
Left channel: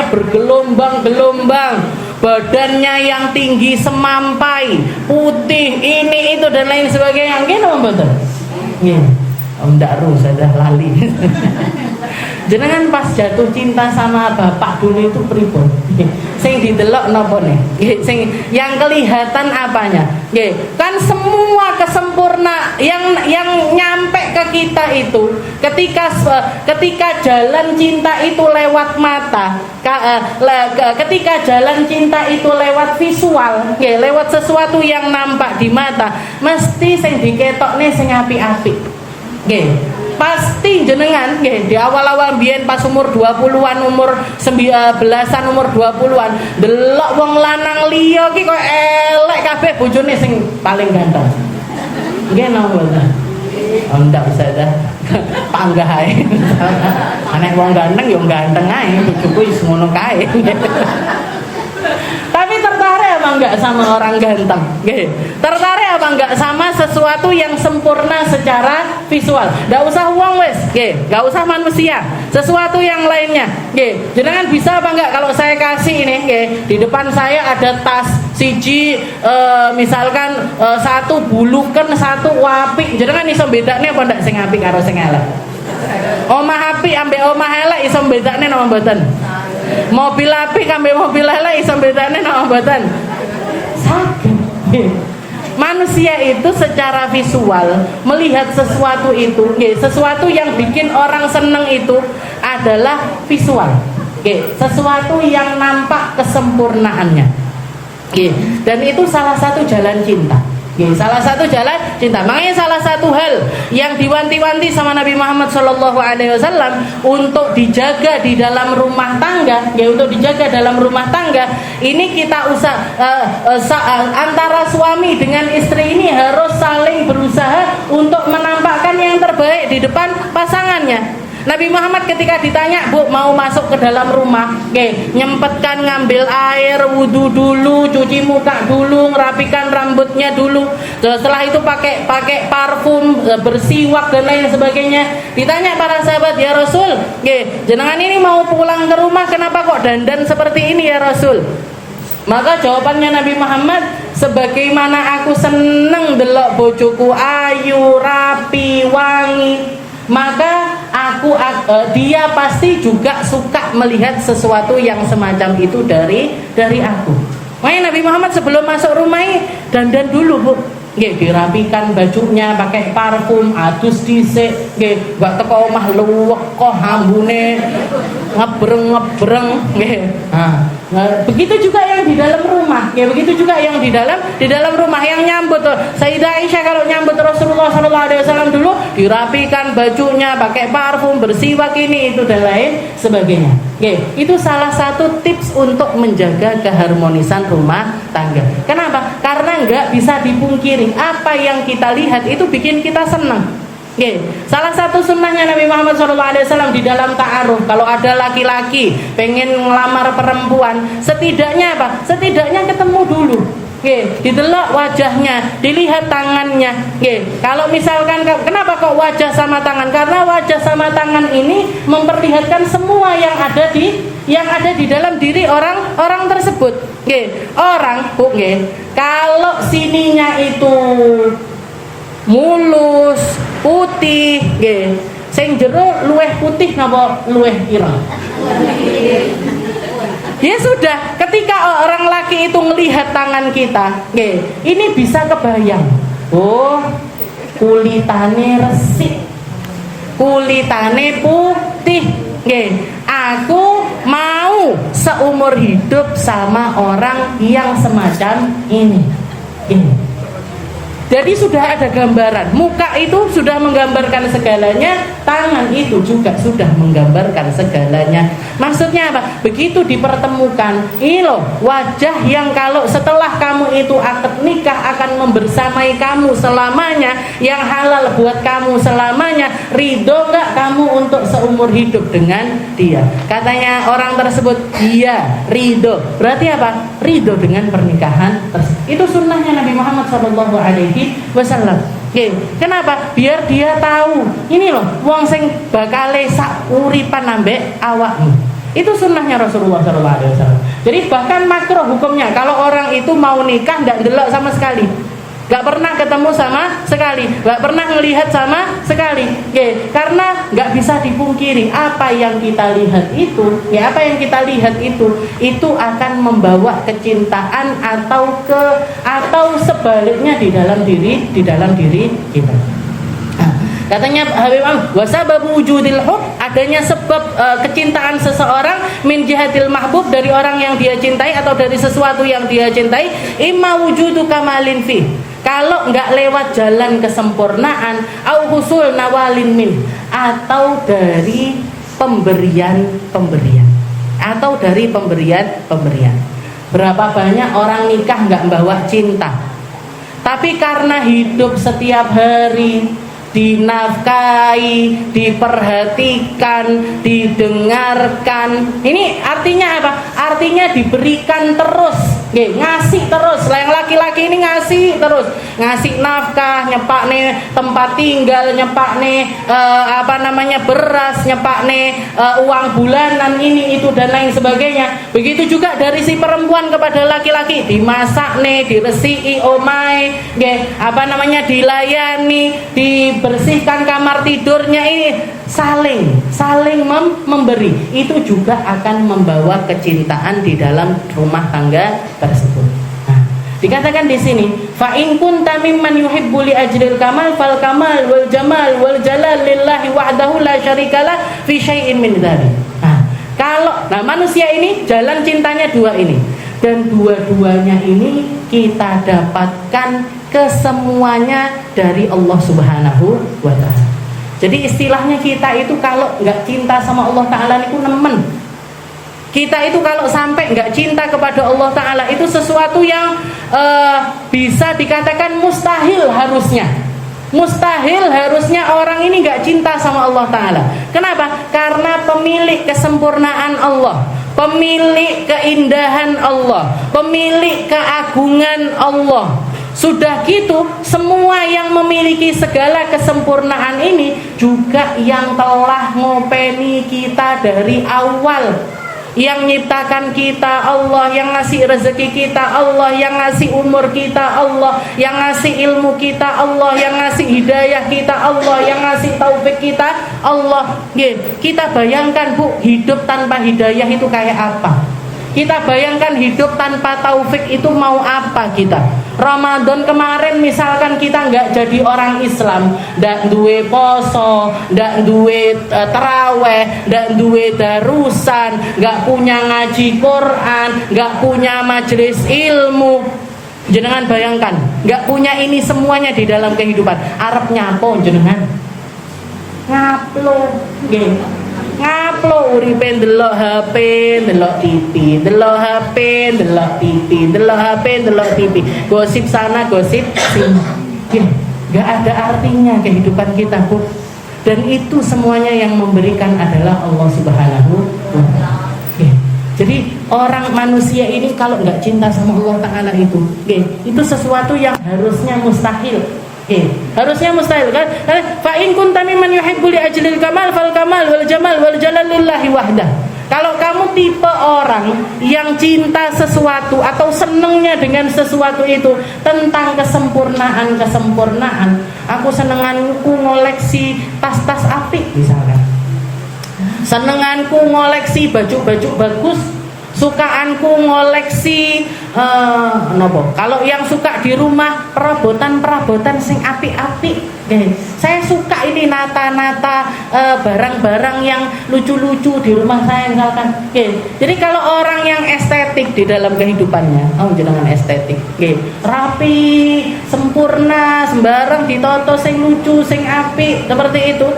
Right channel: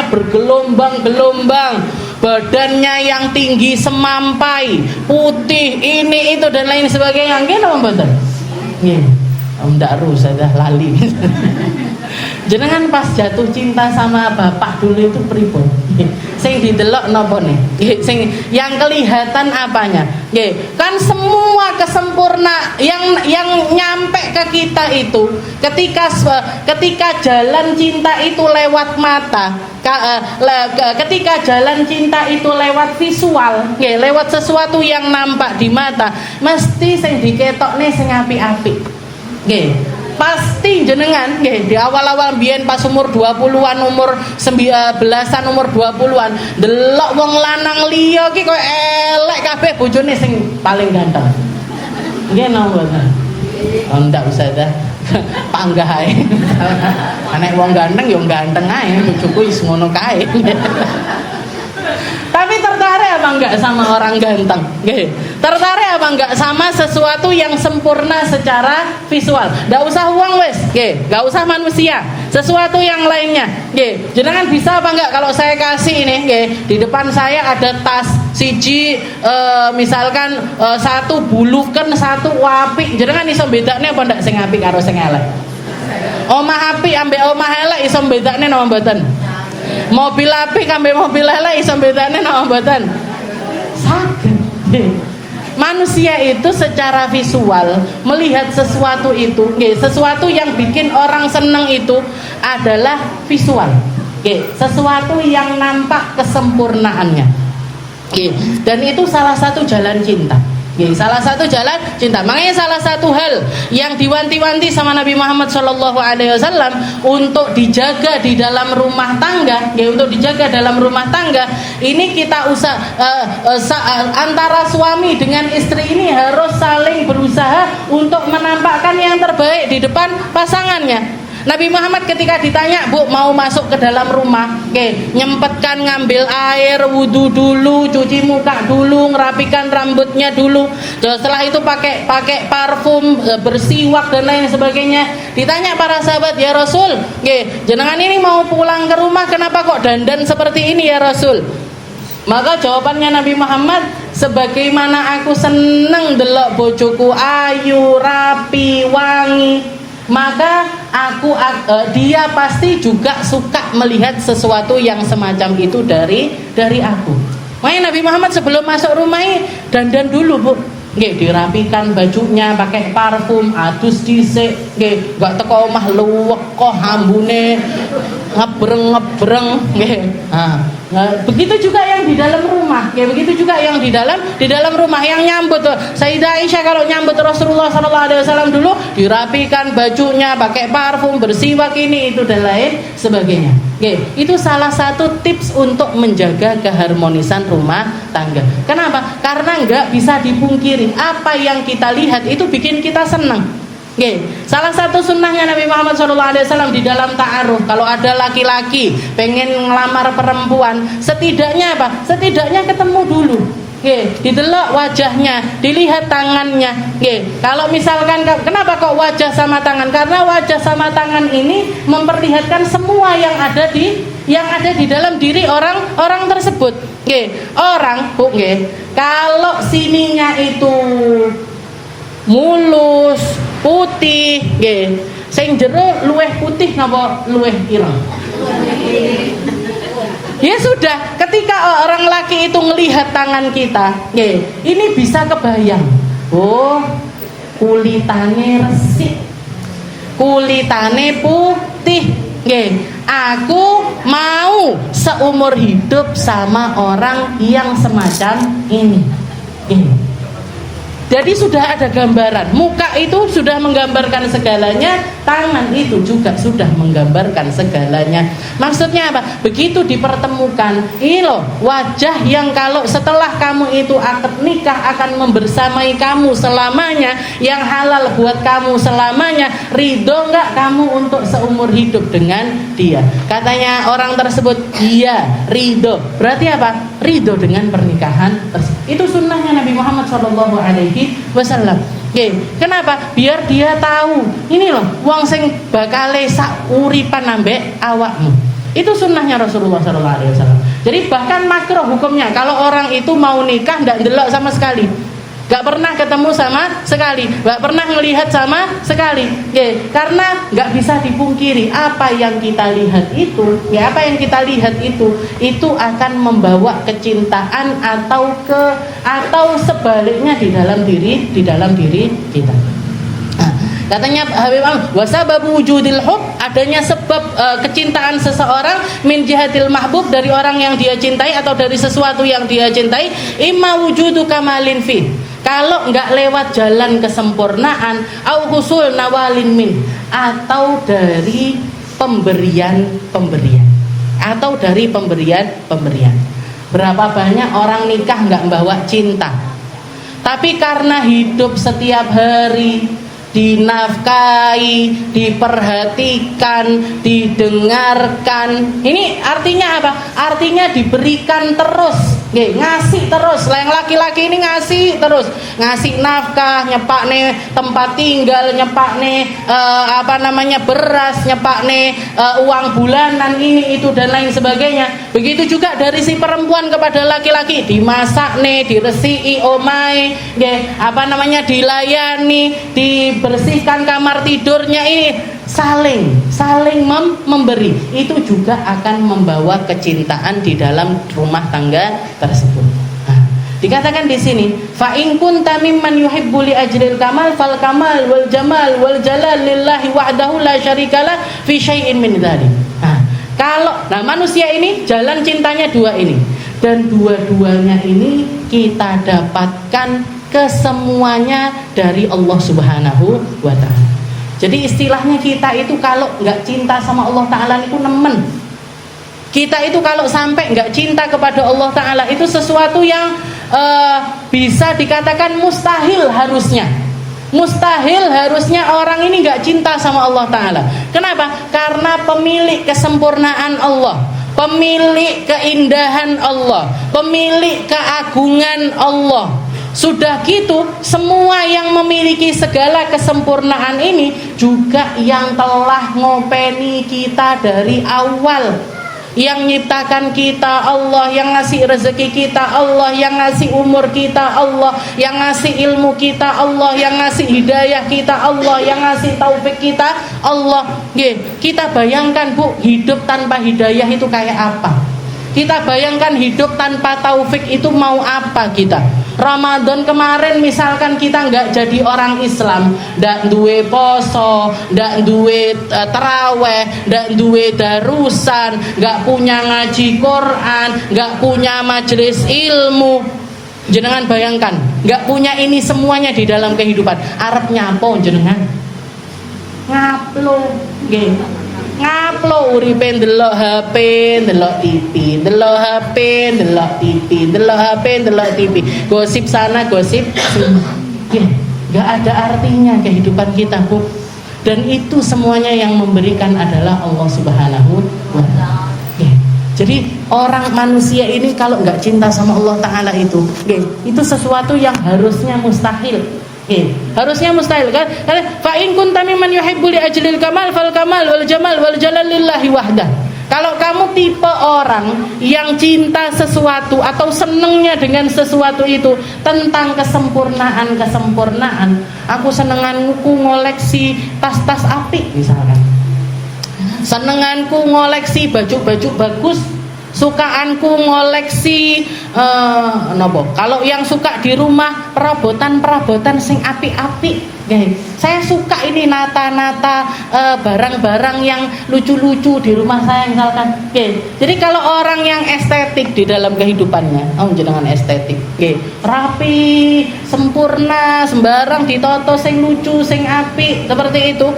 bergelombang-gelombang, badannya yang tinggi semampai, putih, ini itu dan lain sebagainya. Betul. Ndak rusak dah lali. Jenengan pas jatuh cinta sama bapak dulu itu pripun? Sing didelok napa nih? Sing yang kelihatan apanya? Kan semua kesempurna yang nyampe ke kita itu ketika jalan cinta itu lewat mata, ketika jalan cinta itu lewat visual, lewat sesuatu yang nampak di mata, mesti sing diketokne sing apik-apik. Pasti jenengan di awal-awal biyen pas umur 20-an, umur 19-an, umur 20-an delok wong lanang liya ki kok elek kabeh, bojone sing paling ganteng. Nggih napa ta? Ndak usah dah. Panggah ae. Anek wong ganteng yo ganteng ae, bojoku wis ngono kae. Tapi tertarik apa enggak sama orang ganteng? Tertarik apa enggak sama sesuatu yang sempurna secara visual? Enggak usah uang wes, enggak usah manusia, sesuatu yang lainnya. Jenengan bisa apa enggak kalau saya kasih ini, di depan saya ada tas siji, misalkan satu buluken, satu apik, jenengan iso bedakne apa ndak sing apik karo sing elek? Omah apik ambek omah elek iso bedakne napa mboten? Mobil apik ambek mobil elek iso bedane napa mboten? Saged. Manusia itu secara visual melihat sesuatu itu, sesuatu yang bikin orang seneng itu adalah visual. Sesuatu yang nampak kesempurnaannya. Dan itu salah satu jalan cinta. Salah satu jalan cinta. Makanya salah satu hal yang diwanti-wanti sama Nabi Muhammad SAW untuk dijaga di dalam rumah tangga, untuk dijaga dalam rumah tangga ini kita antara suami dengan istri ini harus saling berusaha untuk menampakkan yang terbaik di depan pasangannya. Nabi Muhammad ketika ditanya, "Bu, mau masuk ke dalam rumah, nyempetkan ngambil air, wudu dulu, cuci muka dulu, ngerapikan rambutnya dulu, setelah itu pakai parfum, bersiwak dan lain sebagainya." Ditanya para sahabat, "Ya Rasul, jenengan ini mau pulang ke rumah, kenapa kok dandan seperti ini ya Rasul?" Maka jawabannya Nabi Muhammad, "Sebagaimana aku seneng delok bojoku ayu, rapi, wangi, maka aku dia pasti juga suka melihat sesuatu yang semacam itu dari aku. Makanya Nabi Muhammad sebelum masuk rumah ini dandan dulu, Bu. Nggih, dirapikan bajunya, pakai parfum, adus dhisik, nggih, enggak teko omah luwek kok ambune ngebreng-ngebreng, nggih. Nah, begitu juga yang di dalam rumah, ya begitu juga yang di dalam rumah yang nyambut Sayyidah Aisyah kalau nyambut Rasulullah SAW dulu dirapikan bajunya, pakai parfum, bersiwak ini itu dan lain sebagainya. Oke, itu salah satu tips untuk menjaga keharmonisan rumah tangga. Kenapa? Karena nggak bisa dipungkiri apa yang kita lihat itu bikin kita senang. Oke, salah satu sunnahnya Nabi Muhammad SAW di dalam ta'aruf, kalau ada laki-laki pengen ngelamar perempuan, setidaknya apa? Setidaknya ketemu dulu. Oke, didelok wajahnya, dilihat tangannya. Oke, kalau misalkan kenapa kok wajah sama tangan? Karena wajah sama tangan ini memperlihatkan semua yang ada di dalam diri orang tersebut. Oke, orang, oke, kalau sininya itu mulus, putih, nggih. Sing jero luweh putih napa luweh ireng? Ya sudah, ketika orang laki itu melihat tangan kita, nggih, ini bisa kebayang. Oh, kulitane resik. Kulitane putih, nggih. Aku mau seumur hidup sama orang yang semacam ini. Nggih. Jadi sudah ada gambaran, muka itu sudah menggambarkan segalanya, tangan itu juga sudah menggambarkan segalanya. Maksudnya apa? Begitu dipertemukan, ini loh wajah yang kalau setelah kamu itu akad nikah akan membersamai kamu selamanya, yang halal buat kamu selamanya. Ridho nggak kamu untuk seumur hidup dengan dia? Katanya orang tersebut, iya ridho. Berarti apa? Ridho dengan pernikahan tersebut. Itu sunnahnya Nabi Muhammad SAW. Oke, kenapa? Biar dia tahu ini loh wong sing bakale sak uripan ambek awakmu. Itu sunnahnya Rasulullah SAW. Jadi bahkan makruh hukumnya kalau orang itu mau nikah nggak ndelok sama sekali, nggak pernah ketemu sama sekali, nggak pernah melihat sama sekali. Oke, karena nggak bisa dipungkiri apa yang kita lihat itu, ya apa yang kita lihat itu akan membawa kecintaan atau sebaliknya di dalam diri kita. Katanya Habib wasababu wujudil hub, adanya sebab kecintaan seseorang min jihatil mahbub, dari orang yang dia cintai atau dari sesuatu yang dia cintai, imma wujudu kamalin fi, kalau nggak lewat jalan kesempurnaan, au husul nawalin min, atau dari pemberian atau dari pemberian. Berapa banyak orang nikah nggak bawa cinta, tapi karena hidup setiap hari dinafkahi, diperhatikan, didengarkan. Ini artinya apa? Artinya diberikan terus, ngasih terus. Yang laki-laki ini ngasih terus, ngasih nafkah, nyepakne tempat tinggal, nyepakne beras, nyepakne uang bulanan ini itu dan lain sebagainya. Begitu juga dari si perempuan kepada laki-laki, dimasakne, diresiki omae, dilayani, bersihkan kamar tidurnya, ini saling memberi. Itu juga akan membawa kecintaan di dalam rumah tangga tersebut. Nah, dikatakan di sini, fa in kunta mimman yuhibbu li ajril kamal fal kamal wal jamal wal jalal lillahi wahdahu la syarikalah fi syai'in min dzalik. Nah, manusia ini jalan cintanya dua ini, dan dua-duanya ini kita dapatkan kesemuanya dari Allah Subhanahu wa ta'ala. Jadi istilahnya kita itu kalau nggak cinta sama Allah Ta'ala itu nemen. Kita itu kalau sampai nggak cinta kepada Allah Ta'ala itu sesuatu yang bisa dikatakan mustahil harusnya. Mustahil harusnya orang ini nggak cinta sama Allah Ta'ala. Kenapa? Karena pemilik kesempurnaan Allah, pemilik keindahan Allah, pemilik keagungan Allah. Sudah gitu, semua yang memiliki segala kesempurnaan ini juga yang telah ngopeni kita dari awal. Yang nyiptakan kita Allah, yang ngasih rezeki kita Allah, yang ngasih umur kita Allah, yang ngasih ilmu kita Allah, yang ngasih hidayah kita Allah, yang ngasih taufik kita Allah. Kita bayangkan Bu, hidup tanpa hidayah itu kayak apa? Kita bayangkan hidup tanpa taufik itu mau apa kita? Ramadan kemarin misalkan kita nggak jadi orang Islam, nggak duwe poso, nggak duwe teraweh, nggak duwe darusan, nggak punya ngaji Quran, nggak punya majelis ilmu. Jenengan bayangkan, nggak punya ini semuanya di dalam kehidupan. Arabnya apa jenengan? Ngaplo, ngaplo uripe ndelok HP, ndelok TV, ndelok HP, ndelok TV, ndelok HP, ndelok TV. Gosip sana, gosip sini. Enggak ada artinya kehidupan kita, Bu. Dan itu semuanya yang memberikan adalah Allah Subhanahu wa taala. Jadi orang manusia ini kalau enggak cinta sama Allah taala itu sesuatu yang harusnya mustahil. Harusnya mustahil kan? Karena fa in kunta mimman yuhibbu li ajlil kamal fal kamal wal jamal wal jalal lillahi wahdah. Kalau kamu tipe orang yang cinta sesuatu atau senengnya dengan sesuatu itu tentang kesempurnaan, aku senenganku ngoleksi tas-tas apik misalkan. Senenganku ngoleksi baju-baju bagus, sukaanku ngoleksi kalau yang suka di rumah perabotan sing apik-apik. Saya suka ini nata-nata barang-barang yang lucu-lucu di rumah saya misalkan. Jadi kalau orang yang estetik di dalam kehidupannya, jenengan estetik, rapi, sempurna, sembarang ditoto sing lucu, sing apik, seperti itu.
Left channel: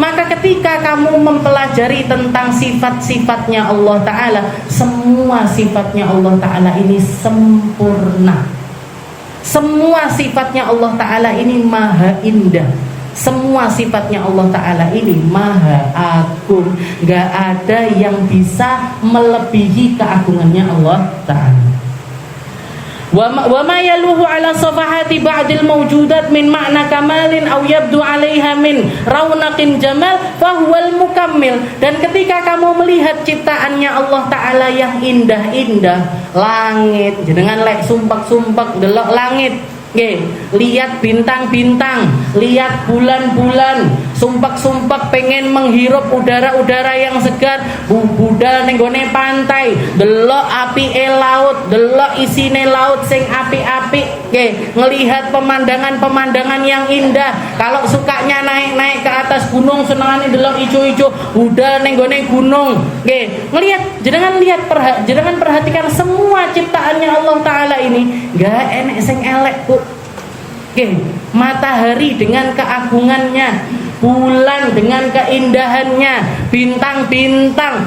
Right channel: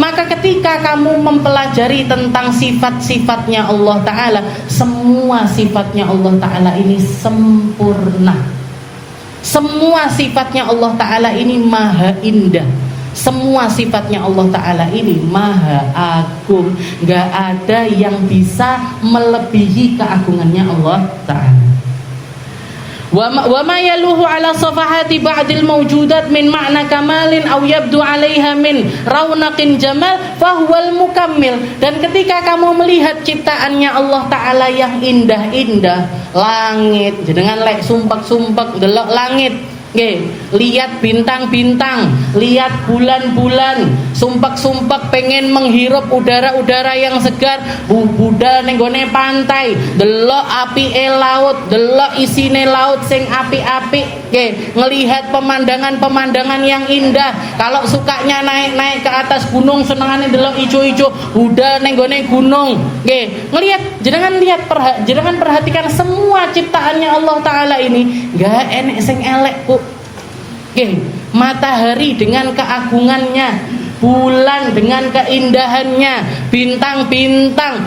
Maka ketika kamu mempelajari tentang sifat-sifatnya Allah Ta'ala, semua sifatnya Allah Ta'ala ini sempurna. Semua sifatnya Allah Ta'ala ini maha indah. Semua sifatnya Allah Ta'ala ini maha agung. Gak ada yang bisa melebihi keagungannya Allah Ta'ala. Wa ma yaluhu ala safahati ba'dil mawjudat min ma'na kamalin aw yabdu 'alaiha min raunaqin jamal fahuwal mukammil. Dan ketika kamu melihat ciptaannya Allah Ta'ala yang indah-indah, langit, jenengan lek sumpek-sumpek delok langit, lihat bintang-bintang, lihat bulan-bulan, sumpek-sumpek pengen menghirup udara-udara yang segar, budal ning gone pantai, delok apike laut, delok isine laut sing apik-apik, ngelihat pemandangan-pemandangan yang indah. Kalau sukanya naik-naik ke atas gunung, senengane delok ijo-ijo, budal ning gone gunung, ngelihat, jenengan perhatikan semua ciptaannya Allah Ta'ala ini, enggak enek sing elek, Bu. Matahari dengan keagungannya, bulan dengan keindahannya, bintang-bintang,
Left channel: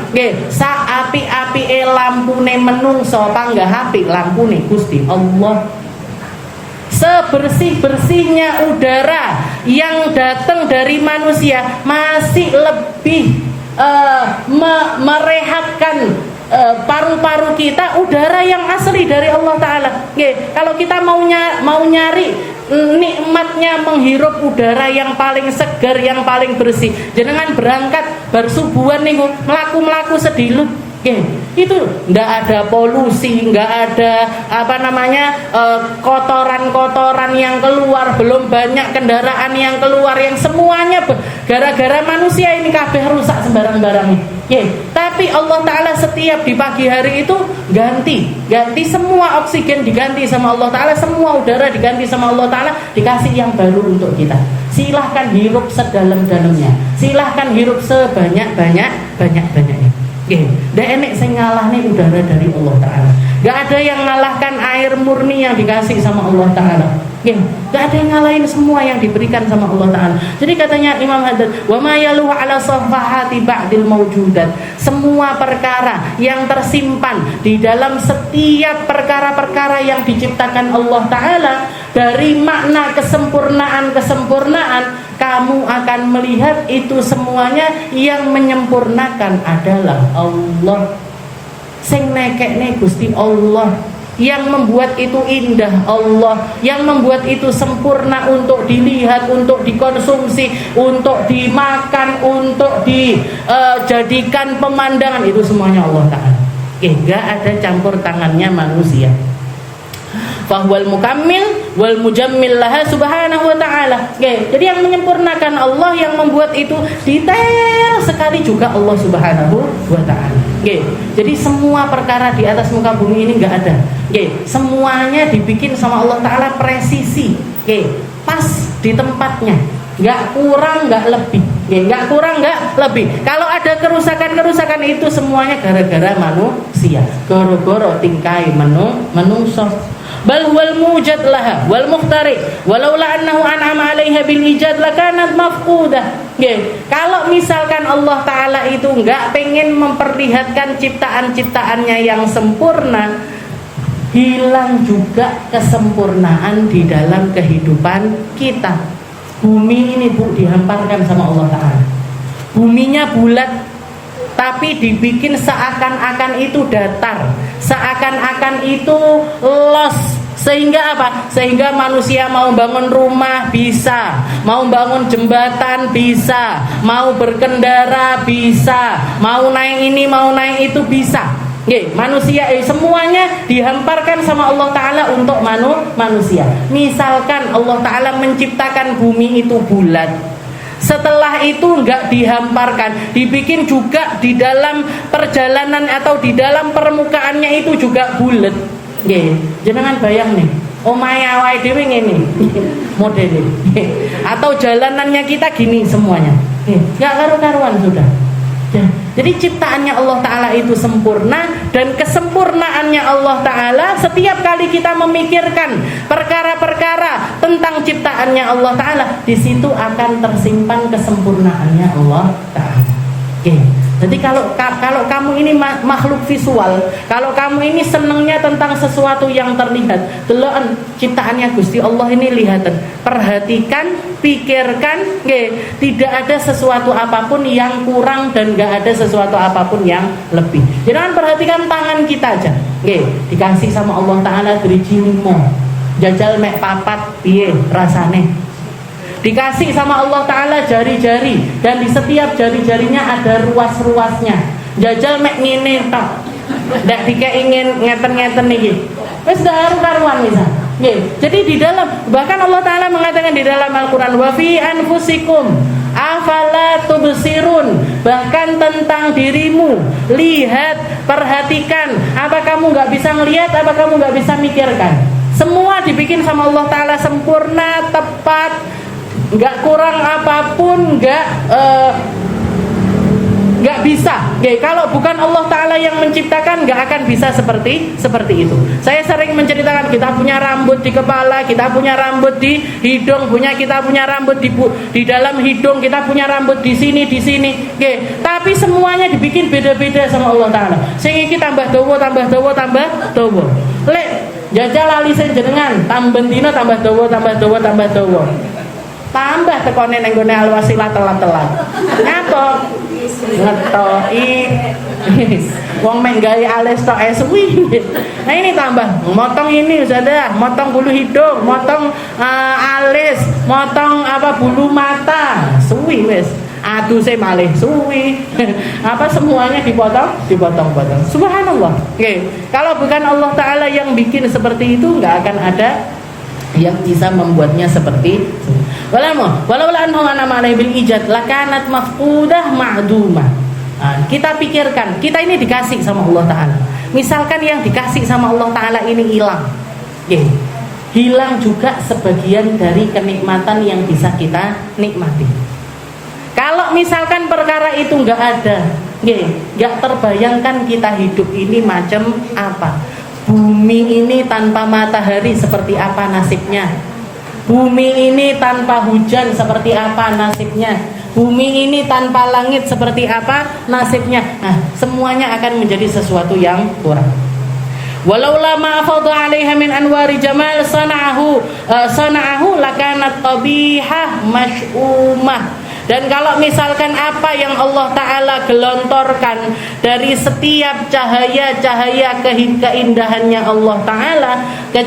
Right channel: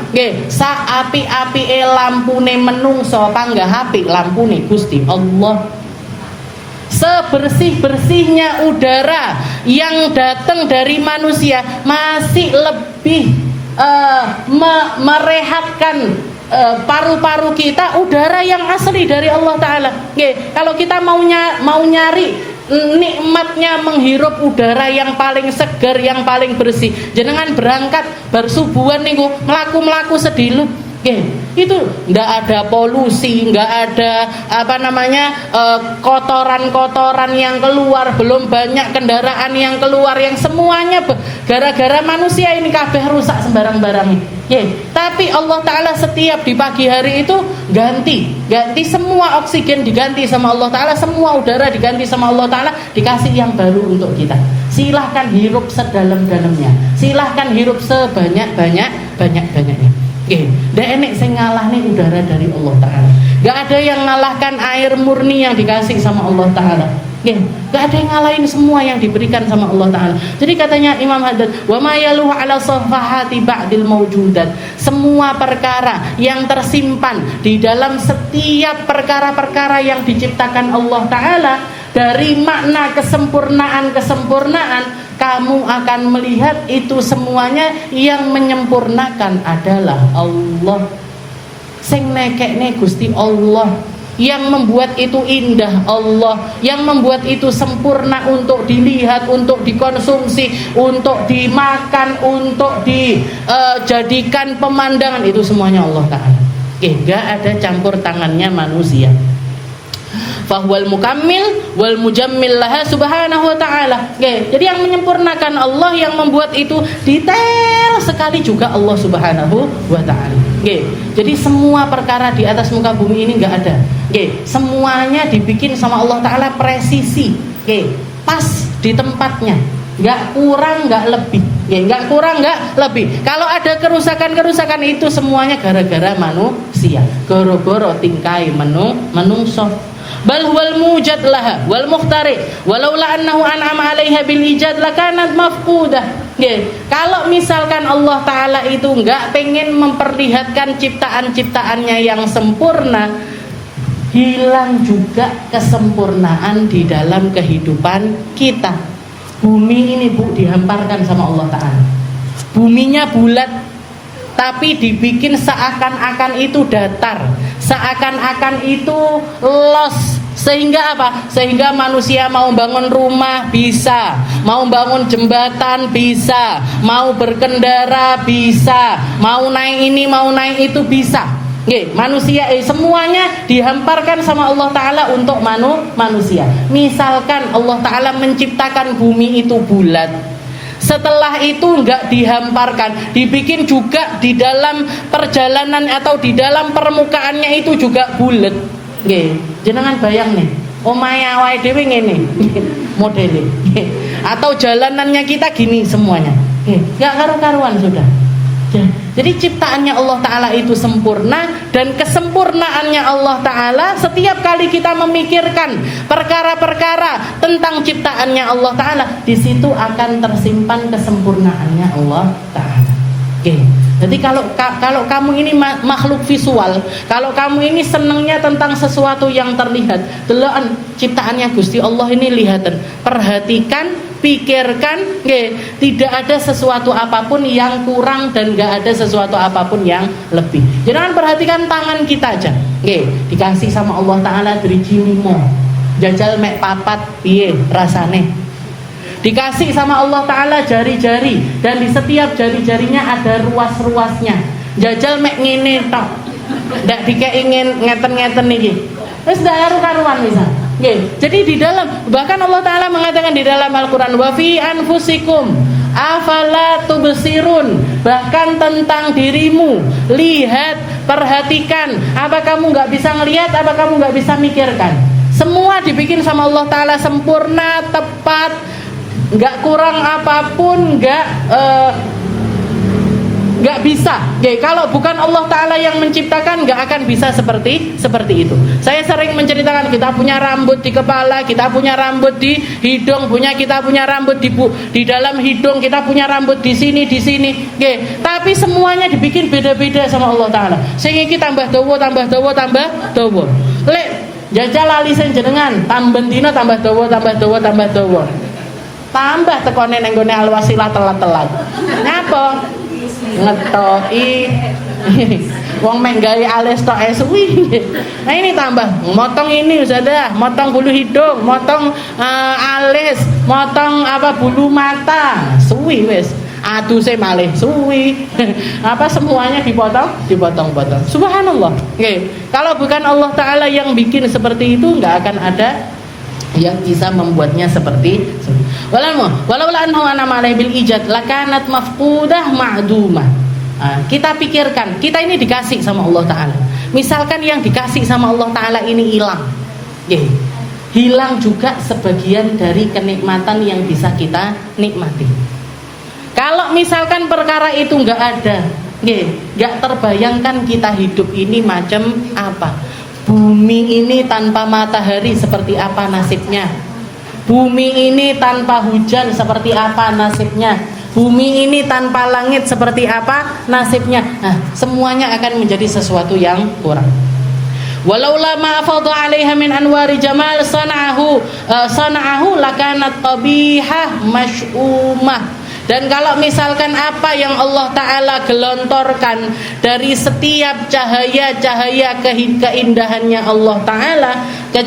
sa api-api lampune menungso panggah api lampune Gusti Allah. Sebersih-bersihnya udara yang datang dari manusia masih lebih merehatkan paru-paru kita udara yang asli dari Allah Ta'ala. Kalau kita mau nyari nikmatnya menghirup udara yang paling segar, yang paling bersih, jenengan berangkat bersubuhan nih, melaku sedilut, itu ndak ada polusi, nggak ada kotoran-kotoran yang keluar, belum banyak kendaraan yang keluar, yang semuanya gara-gara manusia ini kabeh rusak sembarang-barang. Tapi Allah Ta'ala setiap di pagi hari itu ganti semua oksigen, diganti sama Allah Ta'ala, semua udara diganti sama Allah Ta'ala, dikasih yang baru untuk kita. Silahkan hirup sedalam-dalamnya, silahkan hirup sebanyak-banyaknya. Ndak enek sing ngalahne udara dari Allah Ta'ala. Gak ada yang ngalahkan air murni yang dikasih sama Allah Ta'ala. Gak ada yang ngalahin semua yang diberikan sama Allah Ta'ala. Jadi katanya Imam Haddad, wa ma yaluhu ala safahati ba'dil mawjudat, semua perkara yang tersimpan di dalam setiap perkara-perkara yang diciptakan Allah Ta'ala, dari makna kesempurnaan, kamu akan melihat itu semuanya yang menyempurnakan adalah Allah. Sing nekekne Gusti Allah, yang membuat itu indah Allah, yang membuat itu sempurna untuk dilihat, untuk dikonsumsi, untuk dimakan, untuk dijadikan pemandangan, itu semuanya Allah Ta'ala. Gak ada campur tangannya manusia. Fahuwal mukammil wal mujammil laha subhanahu wa ta'ala. Jadi yang menyempurnakan Allah, yang membuat itu detail sekali juga Allah subhanahu wa ta'ala. Jadi semua perkara di atas muka bumi ini gak ada. Semuanya dibikin sama Allah ta'ala presisi, pas di tempatnya, gak kurang gak lebih. Gak kurang gak lebih. Kalau ada kerusakan-kerusakan itu semuanya gara-gara manusia, goro-goro tingkai menungso. Bal huwal mujad laha wal muhtari walaula annahu an'ama 'alaiha bil ijad lakanat mafqudah. Kalau misalkan Allah Ta'ala itu enggak pengen memperlihatkan ciptaan-ciptaannya yang sempurna, hilang juga kesempurnaan di dalam kehidupan kita. Bumi ini Bu dihamparkan sama Allah Ta'ala. Buminya bulat, tapi dibikin seakan-akan itu datar, seakan-akan itu los. Sehingga apa? Sehingga manusia mau bangun rumah bisa, mau bangun jembatan bisa, mau berkendara bisa, mau naik ini, mau naik itu bisa. Manusia semuanya dihamparkan sama Allah Ta'ala untuk manusia. Misalkan Allah Ta'ala menciptakan bumi itu bulat, setelah itu enggak dihamparkan, dibikin juga di dalam perjalanan atau di dalam permukaannya itu juga bulat. Jenengan bayang nih, omahe awake dhewe ngene modele. Atau jalanannya kita gini semuanya. Enggak karu-karuan sudah. Jadi ciptaannya Allah Ta'ala itu sempurna, dan kesempurnaannya Allah Ta'ala setiap kali kita memikirkan perkara-perkara tentang ciptaannya Allah Ta'ala, di situ akan tersimpan kesempurnaannya Allah Ta'ala. Jadi kalau kamu ini makhluk visual, kalau kamu ini senangnya tentang sesuatu yang terlihat, deloken ciptaannya Gusti Allah ini lihatan, perhatikan, pikirkan, tidak ada sesuatu apapun yang kurang dan gak ada sesuatu apapun yang lebih. Jangan perhatikan tangan kita aja, dikasih sama Allah Ta'ala driji limo, jajal mek papat piye rasane. Dikasih sama Allah Ta'ala jari-jari, dan di setiap jari-jarinya ada ruas-ruasnya. Jajal mek ngene tok, ndak dikek ingin ngeten-ngeten niki. Wis dak karuan misal. Jadi di dalam, bahkan Allah Ta'ala mengatakan di dalam Al-Qur'an, wa fi anfusikum afala tubsirun, bahkan tentang dirimu, lihat, perhatikan. Apa kamu nggak bisa ngelihat? Apa kamu nggak bisa mikirkan? Semua dibikin sama Allah Ta'ala sempurna, tepat, nggak kurang apapun, nggak bisa. Kalau bukan Allah Ta'ala yang menciptakan, nggak akan bisa seperti itu. Saya sering menceritakan, kita punya rambut di kepala, kita punya rambut di hidung, kita punya rambut di dalam hidung, kita punya rambut di sini. Tapi semuanya dibikin beda-beda sama Allah Ta'ala. Sehingga kita tambah dawa. Lek jajal alisen jenengan, tambah dino tambah dawa. Tambah tekone nang gone alwasilah telat-telat. Napa? Ngetoki. Wong mek gawe alis tok suwi. Nah ini tambah, motong ini sudah, motong bulu hidung, motong alis, motong bulu mata, suwi wis. Aduse malih suwi. Semuanya dipotong. Subhanallah. Kalau bukan Allah Ta'ala yang bikin seperti itu, enggak akan ada yang bisa membuatnya seperti itu. Walau annahu an'ama 'alaihi bil ijad lakanat mafqudah ma'dumah. Kita pikirkan, kita ini dikasih sama Allah Ta'ala. Misalkan yang dikasih sama Allah Ta'ala ini hilang, hilang juga sebagian dari kenikmatan yang bisa kita nikmati. Kalau misalkan perkara itu nggak ada, nggak terbayangkan kita hidup ini macam apa. Bumi ini tanpa matahari seperti apa nasibnya? Bumi ini tanpa hujan seperti apa nasibnya? Bumi ini tanpa langit seperti apa nasibnya? Semuanya akan menjadi sesuatu yang kurang. Walaula ma afadha 'alaiha min anwari jamal sana'ahu lakanat qabihah masy'umah. Dan kalau misalkan apa yang Allah Ta'ala gelontorkan dari setiap cahaya-cahaya keindahannya Allah Ta'ala,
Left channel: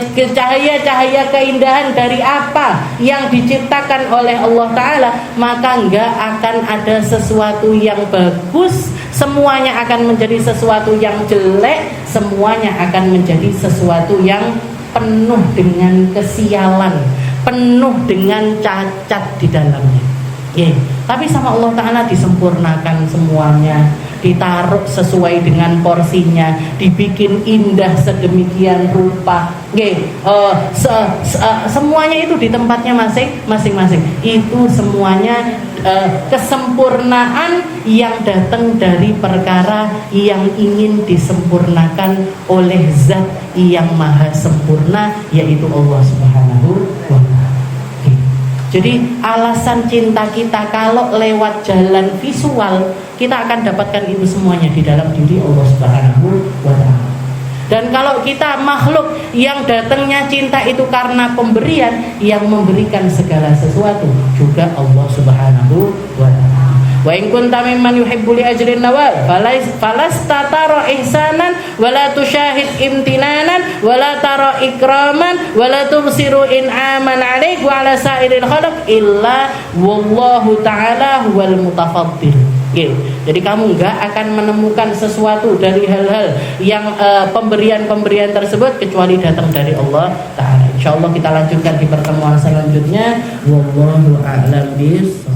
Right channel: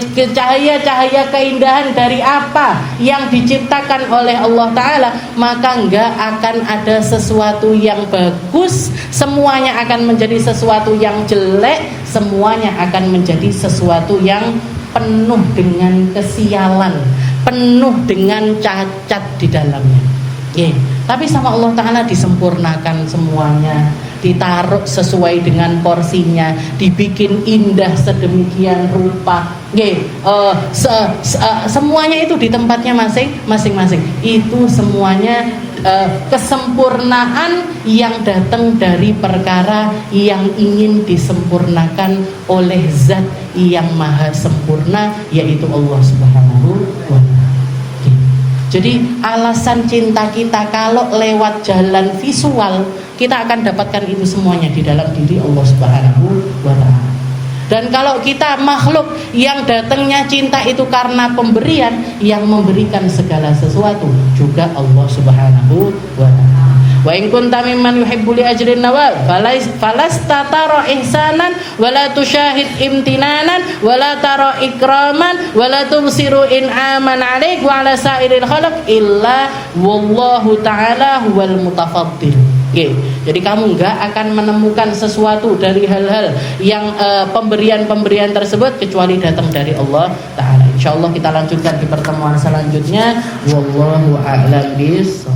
cahaya-cahaya keindahan dari apa yang diciptakan oleh Allah Ta'ala, maka enggak akan ada sesuatu yang bagus, semuanya akan menjadi sesuatu yang jelek, semuanya akan menjadi sesuatu yang penuh dengan kesialan, penuh dengan cacat di dalamnya. Tapi sama Allah Ta'ala disempurnakan semuanya, ditaruh sesuai dengan porsinya, dibikin indah sedemikian rupa. Semuanya itu di tempatnya masing-masing. Itu semuanya kesempurnaan yang datang dari perkara yang ingin disempurnakan oleh Zat yang maha sempurna, yaitu Allah Subhanahu wa Ta'ala. Jadi alasan cinta kita kalau lewat jalan visual, kita akan dapatkan itu semuanya di dalam diri Allah Subhanahu wa Ta'ala. Dan kalau kita makhluk yang datangnya cinta itu karena pemberian, yang memberikan segala sesuatu juga Allah Subhanahu wa Ta'ala. Wa in kunta mimman yuhibbu li ajrin nawal falasta tara ihsanan wala tusyahid imtinanan wala tara ikraman wala tubsiru in'aman 'alaik wa 'ala sa'iril khalq illa wallahu ta'ala huwal mutafaddil. Jadi kamu enggak akan menemukan sesuatu dari hal-hal yang pemberian-pemberian tersebut kecuali datang dari Allah Ta'ala. Insyaallah kita lanjutkan di pertemuan selanjutnya. Wallahu a'lam bishawab.